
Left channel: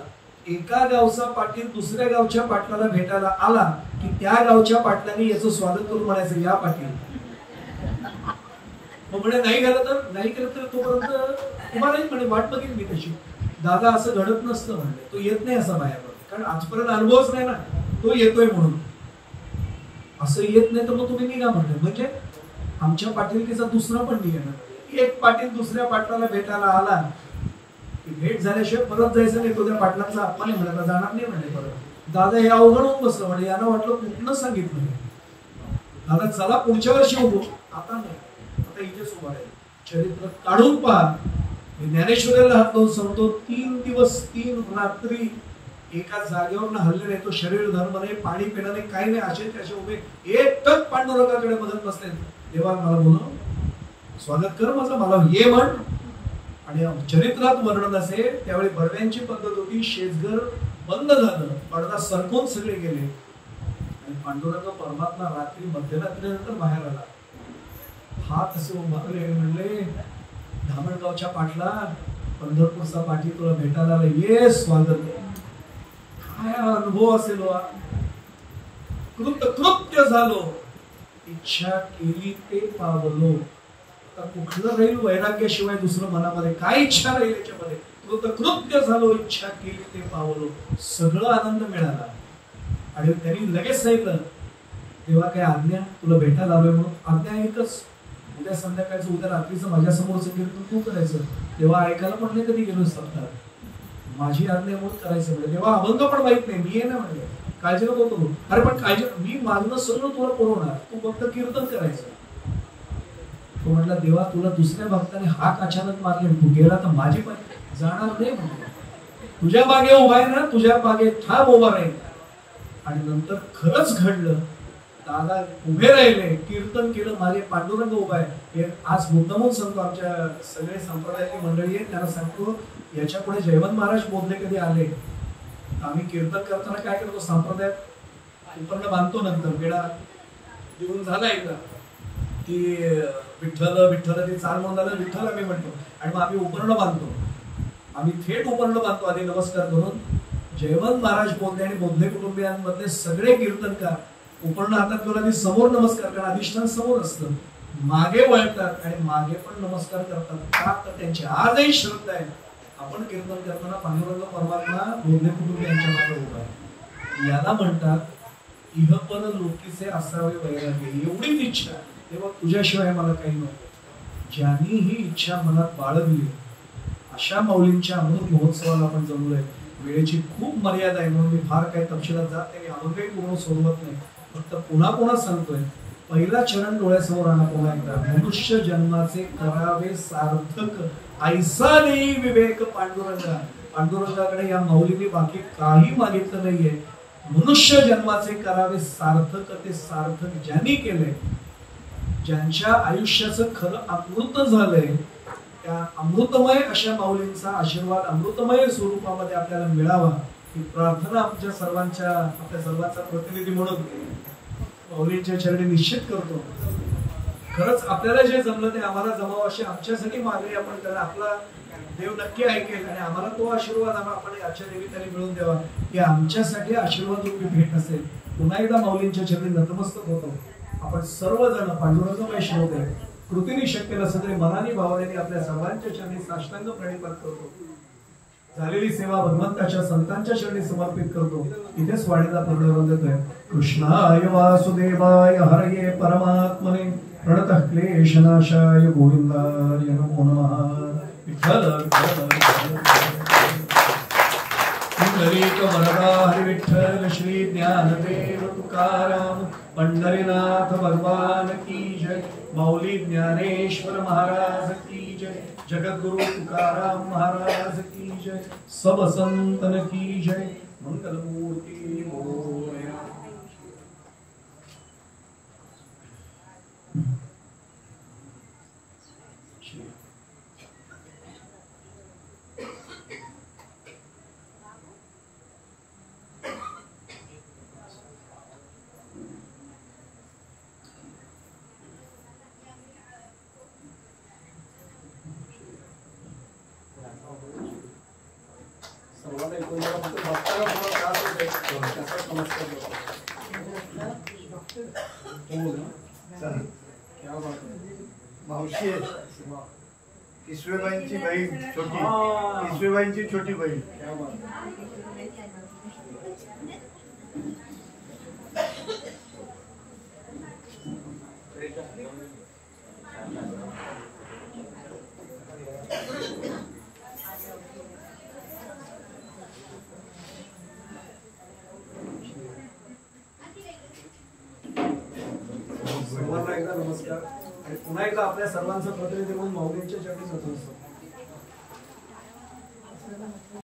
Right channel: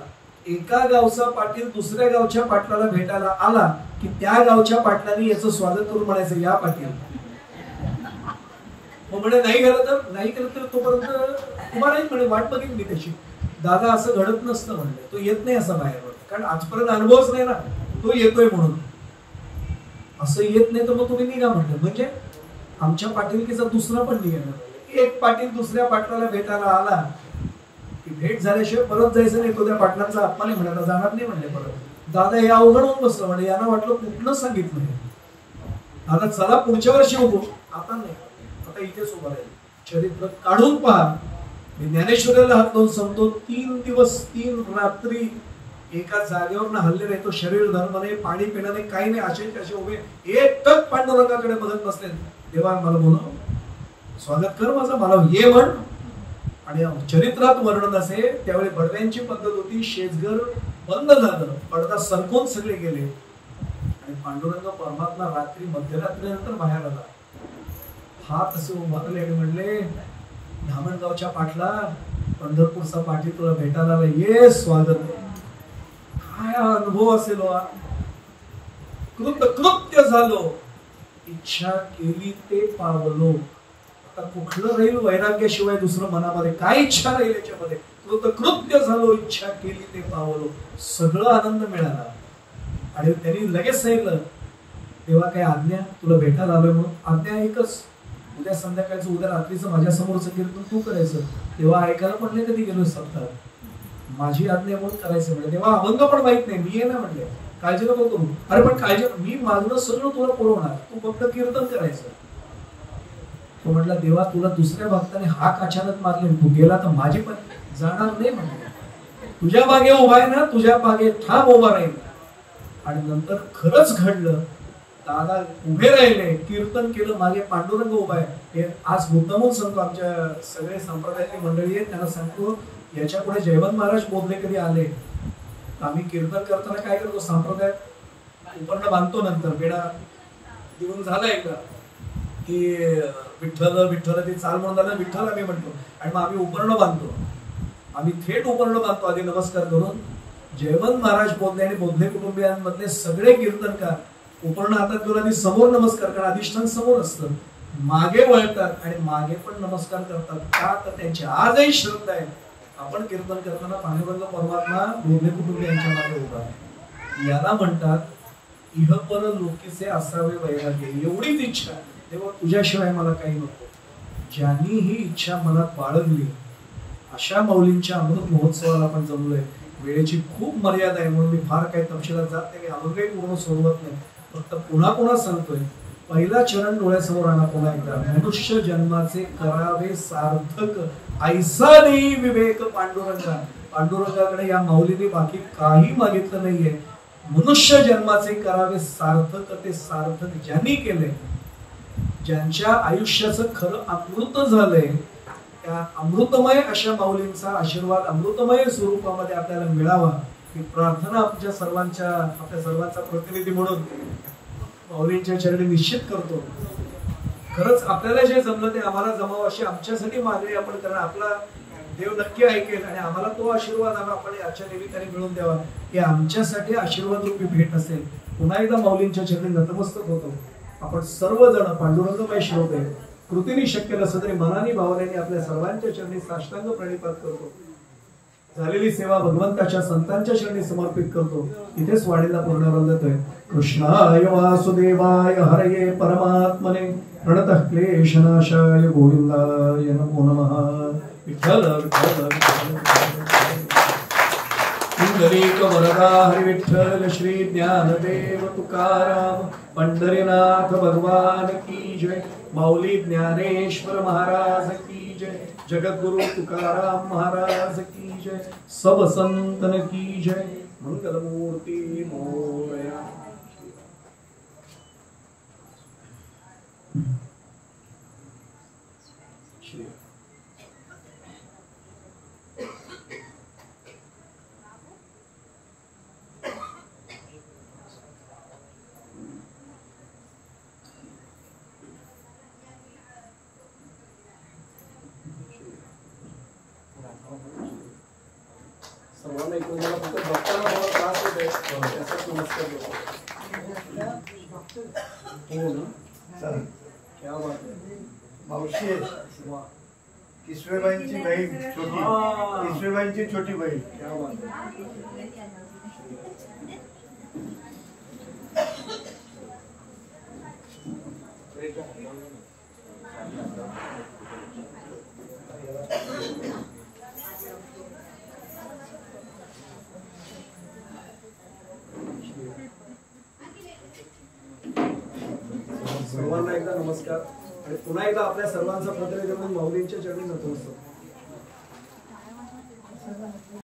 एका गावचा पाटील दुसऱ्या गावच्या पाटलाला भेटायला आला की त्या गावच्या पाटलांनी याचं स्वागत करून म्हणायचं या पाटील. मग म्हणे नाही झालं तर नाही केलं तर तोपर्यंत तुम्हाला म्हणे वाट बघेन मी त्याची. दादा असं घडत नसतं म्हणले, तो येत नाही असा बाहेर, कारण आजपर्यंत अनुभवच नाही ना, तो येतोय म्हणून. असं येत नाही तर मग तुम्ही निघा म्हणले. म्हणजे आमच्या पाटीलकीचा दुसरा पण नियम आहे. एक पाटील दुसऱ्या पाटलाला भेटायला आला की भेट झाल्याशिवाय परत जायचं नाही. तो त्या पाटलांचा अपमान नाही म्हणाला, जाणार नाही म्हणले परत. दादा हे अवघड होऊन बसलं म्हणजे. यांना वाटलं कुठलं सांगितलं. दादा चला पुढच्या वर्षी उभो, आता नाही, आता इथेच उभा राहील. चरित्र काढून पहा. मी ज्ञानेश्वराला हात लावून सांगतो, 3 दिवस 3 रात्री एका जागेवर ना हल्ले नाही. तो शरीर धर्म नाही, पाणी पिणं नाही, काही नाही. असे कसे उभे एकटक पांडुरंगाकडे बघत बसले. देवा मला बोलव, स्वागत कर माझं, मला ये म्हण. आणि चरित्रात वर्णन असे त्यावेळी बडव्यांची पद्धत होती. शेजघर बंद झालं, पडदा सरकून सगळे गेले आणि पांडुरंग परमात्मा रात्री मध्यरात्रीनंतर बाहेर आला. हात असे उभारले, म्हणले धामणगावच्या पाटला, पंढरपूरचा पाटील तुला भेटायला आला, ये स्वागत. काय अनुभव असेल, कृत्य झालो, इच्छा केली ते पावलो. आता कुठलं राहील वैराग्याशिवाय दुसरं मनामध्ये काय इच्छा राहील याच्यामध्ये. कृतकृत्य झालो, इच्छा केली ते पावलो, सगळं आनंद मिळाला. आणि त्यांनी लगेच सांगितलं, तेव्हा काय आज्ञा, तुला भेटायला आलोय म्हणून. आज्ञा एकच, उद्या संध्याकाळचं उद्या रात्रीचं माझ्या समोरचं कीर्तन तू करायचं. तेव्हा ऐकायला पण नाही कधी गेलो सत्ता, माझी आज्ञा म्हणून करायचं म्हणजे. तेव्हा अभंग पण माहित नाही, मी आहे ना म्हणजे काळजी नको करू. अरे पण काळजी, मी मागणं सगळं तुला पुरवणार, तू फक्त कीर्तन करायचं. तो म्हटला, देवा तुला दुसऱ्या भक्ताने हाक अचानक मारले, तू गेला तर माझी पण जाणार नाही म्हणजे. तुझ्या मागे उभा आहे ना, तुझ्या मागे ठाम उभा राहील. आणि नंतर खरंच घडलं, दादा उभे राहिले, कीर्तन केलं, मागे पांडुरंग उभा आहे. हे आज मुद्दामून सांगतो, आमच्या सगळे संप्रदायाची मंडळी आहेत त्यांना सांगतो, याच्या पुढे जयवंत महाराज बोधले कधी आले, आम्ही कीर्तन करताना काय करतो, संप्रदायात उपर्ण बांधतो, नंतर बेडा देऊन झाला एकदा की विठ्ठल विठ्ठल ते चाल म्हणून झालं, विठ्ठल आम्ही म्हणतो. आणि मग आम्ही उपर्ण बांधतो, आम्ही थेट उपर्ण बांधतो आधी नमस्कार करून. जयवंत महाराज बोधले आणि बोधले कुटुंबियांमधले सगळे कीर्तनकार उपर्ण हातात घेऊन आधी समोर नमस्कार करा, अधिष्ठान समोर असतं, मागे वळतात आणि मागे पण नमस्कार करतात. का तर त्यांची आजही श्रद्धा आहे, आपण कीर्तन करताना पांडुरंग परमात्मा बोधले कुटुंबियांच्या मागे उभा आहे. याला म्हणतात इहपर लोकीचे असावे वैराग्य. एवढीच इच्छा, तेव्हा तुझ्याशिवाय मला काही नको. ज्यांनी ही इच्छा मनात बाळगली, अशा माऊलींच्या अमृत महोत्सवाला आपण जमलोय. वेळेची खूप मर्यादा आहे म्हणून मी फार काही तपशिलात जात नाही, अभंगही पूर्ण सोडवत नाही, फक्त पुन्हा पुन्हा सांगतोय. पहिला चरण डोळ्यासमोर आणा पुन्हा एकदा. मनुष्य जन्माचे करावे सार्थक, ऐसा नाही विवेक पांडुरंगा. पांडुरंगाकडे या माऊलीने बाकी काही मागितलं नाहीये. मनुष्य जन्माचे करावे सार्थक, ते सार्थक ज्यांनी केले, ज्यांच्या आयुष्याचं खरं अमृत झालंय, त्या अमृतमय अशा माऊलींचा आशीर्वाद अमृतमय स्वरूपामध्ये आपल्याला मिळावा ही प्रार्थना आपल्या सर्वांचा प्रतिनिधी म्हणून माऊलींच्या चरणी निश्चित करतो. खरंच आपल्याला जे जमलं ते आम्हाला जमावं अशी आमच्यासाठी मागणी आपण करा. आपला देव नक्की ऐकेल आणि आम्हाला तो आशीर्वाद आपण आजच्या निमित्ताने मिळवून द्यावा, ही आमच्यासाठी आशीर्वाद रूपी भेट असेल. पुन्हा एकदा माऊलींच्या चरणी नतमस्तक होतो. आपण सर्वजण पांडुरंगमय श्रोते, कृतीने शक्य नसलं तरी मनाने भावनेने आपल्या सर्वांच्या चरणी साष्टांग प्रणिपात करतो. झालेली सेवा भगवंताच्या संतांच्या चरणी समर्पित करतो. इथेच वाणीला पूर्णविराम देतोय. कृष्णाय वासुदेवाय हरये परमात्मने प्रणतः क्लेशनाशाय गोविंदाय नमो नमः. विठ्ठल पुंडरीक वरदा हरि विठ्ठल श्री ज्ञानदेव तुकाराम पंढरीनाथ भगवान की जय. माऊली ज्ञानेश्वर महाराज की जय. जगद्गुरु तुकाराम महाराज की जय. सब संतन की जय. मंगलमूर्ती मोरया. सर्वांना तुम्हाला फक्त भक्ताला मला त्रास होते त्याचाच नमस्कार देतो. हो ना, क्या बात आहे. मावशी ईश्वरांची बहीण छोटी, ईश्वरांची छोटी बहीण. क्या बात आहे. सर्वांना एकदा नमस्कार आणि पुन्हा एकदा आपल्या सर्वांचा प्रतिनिधी म्हणून माऊलींच्या चरणी जातो.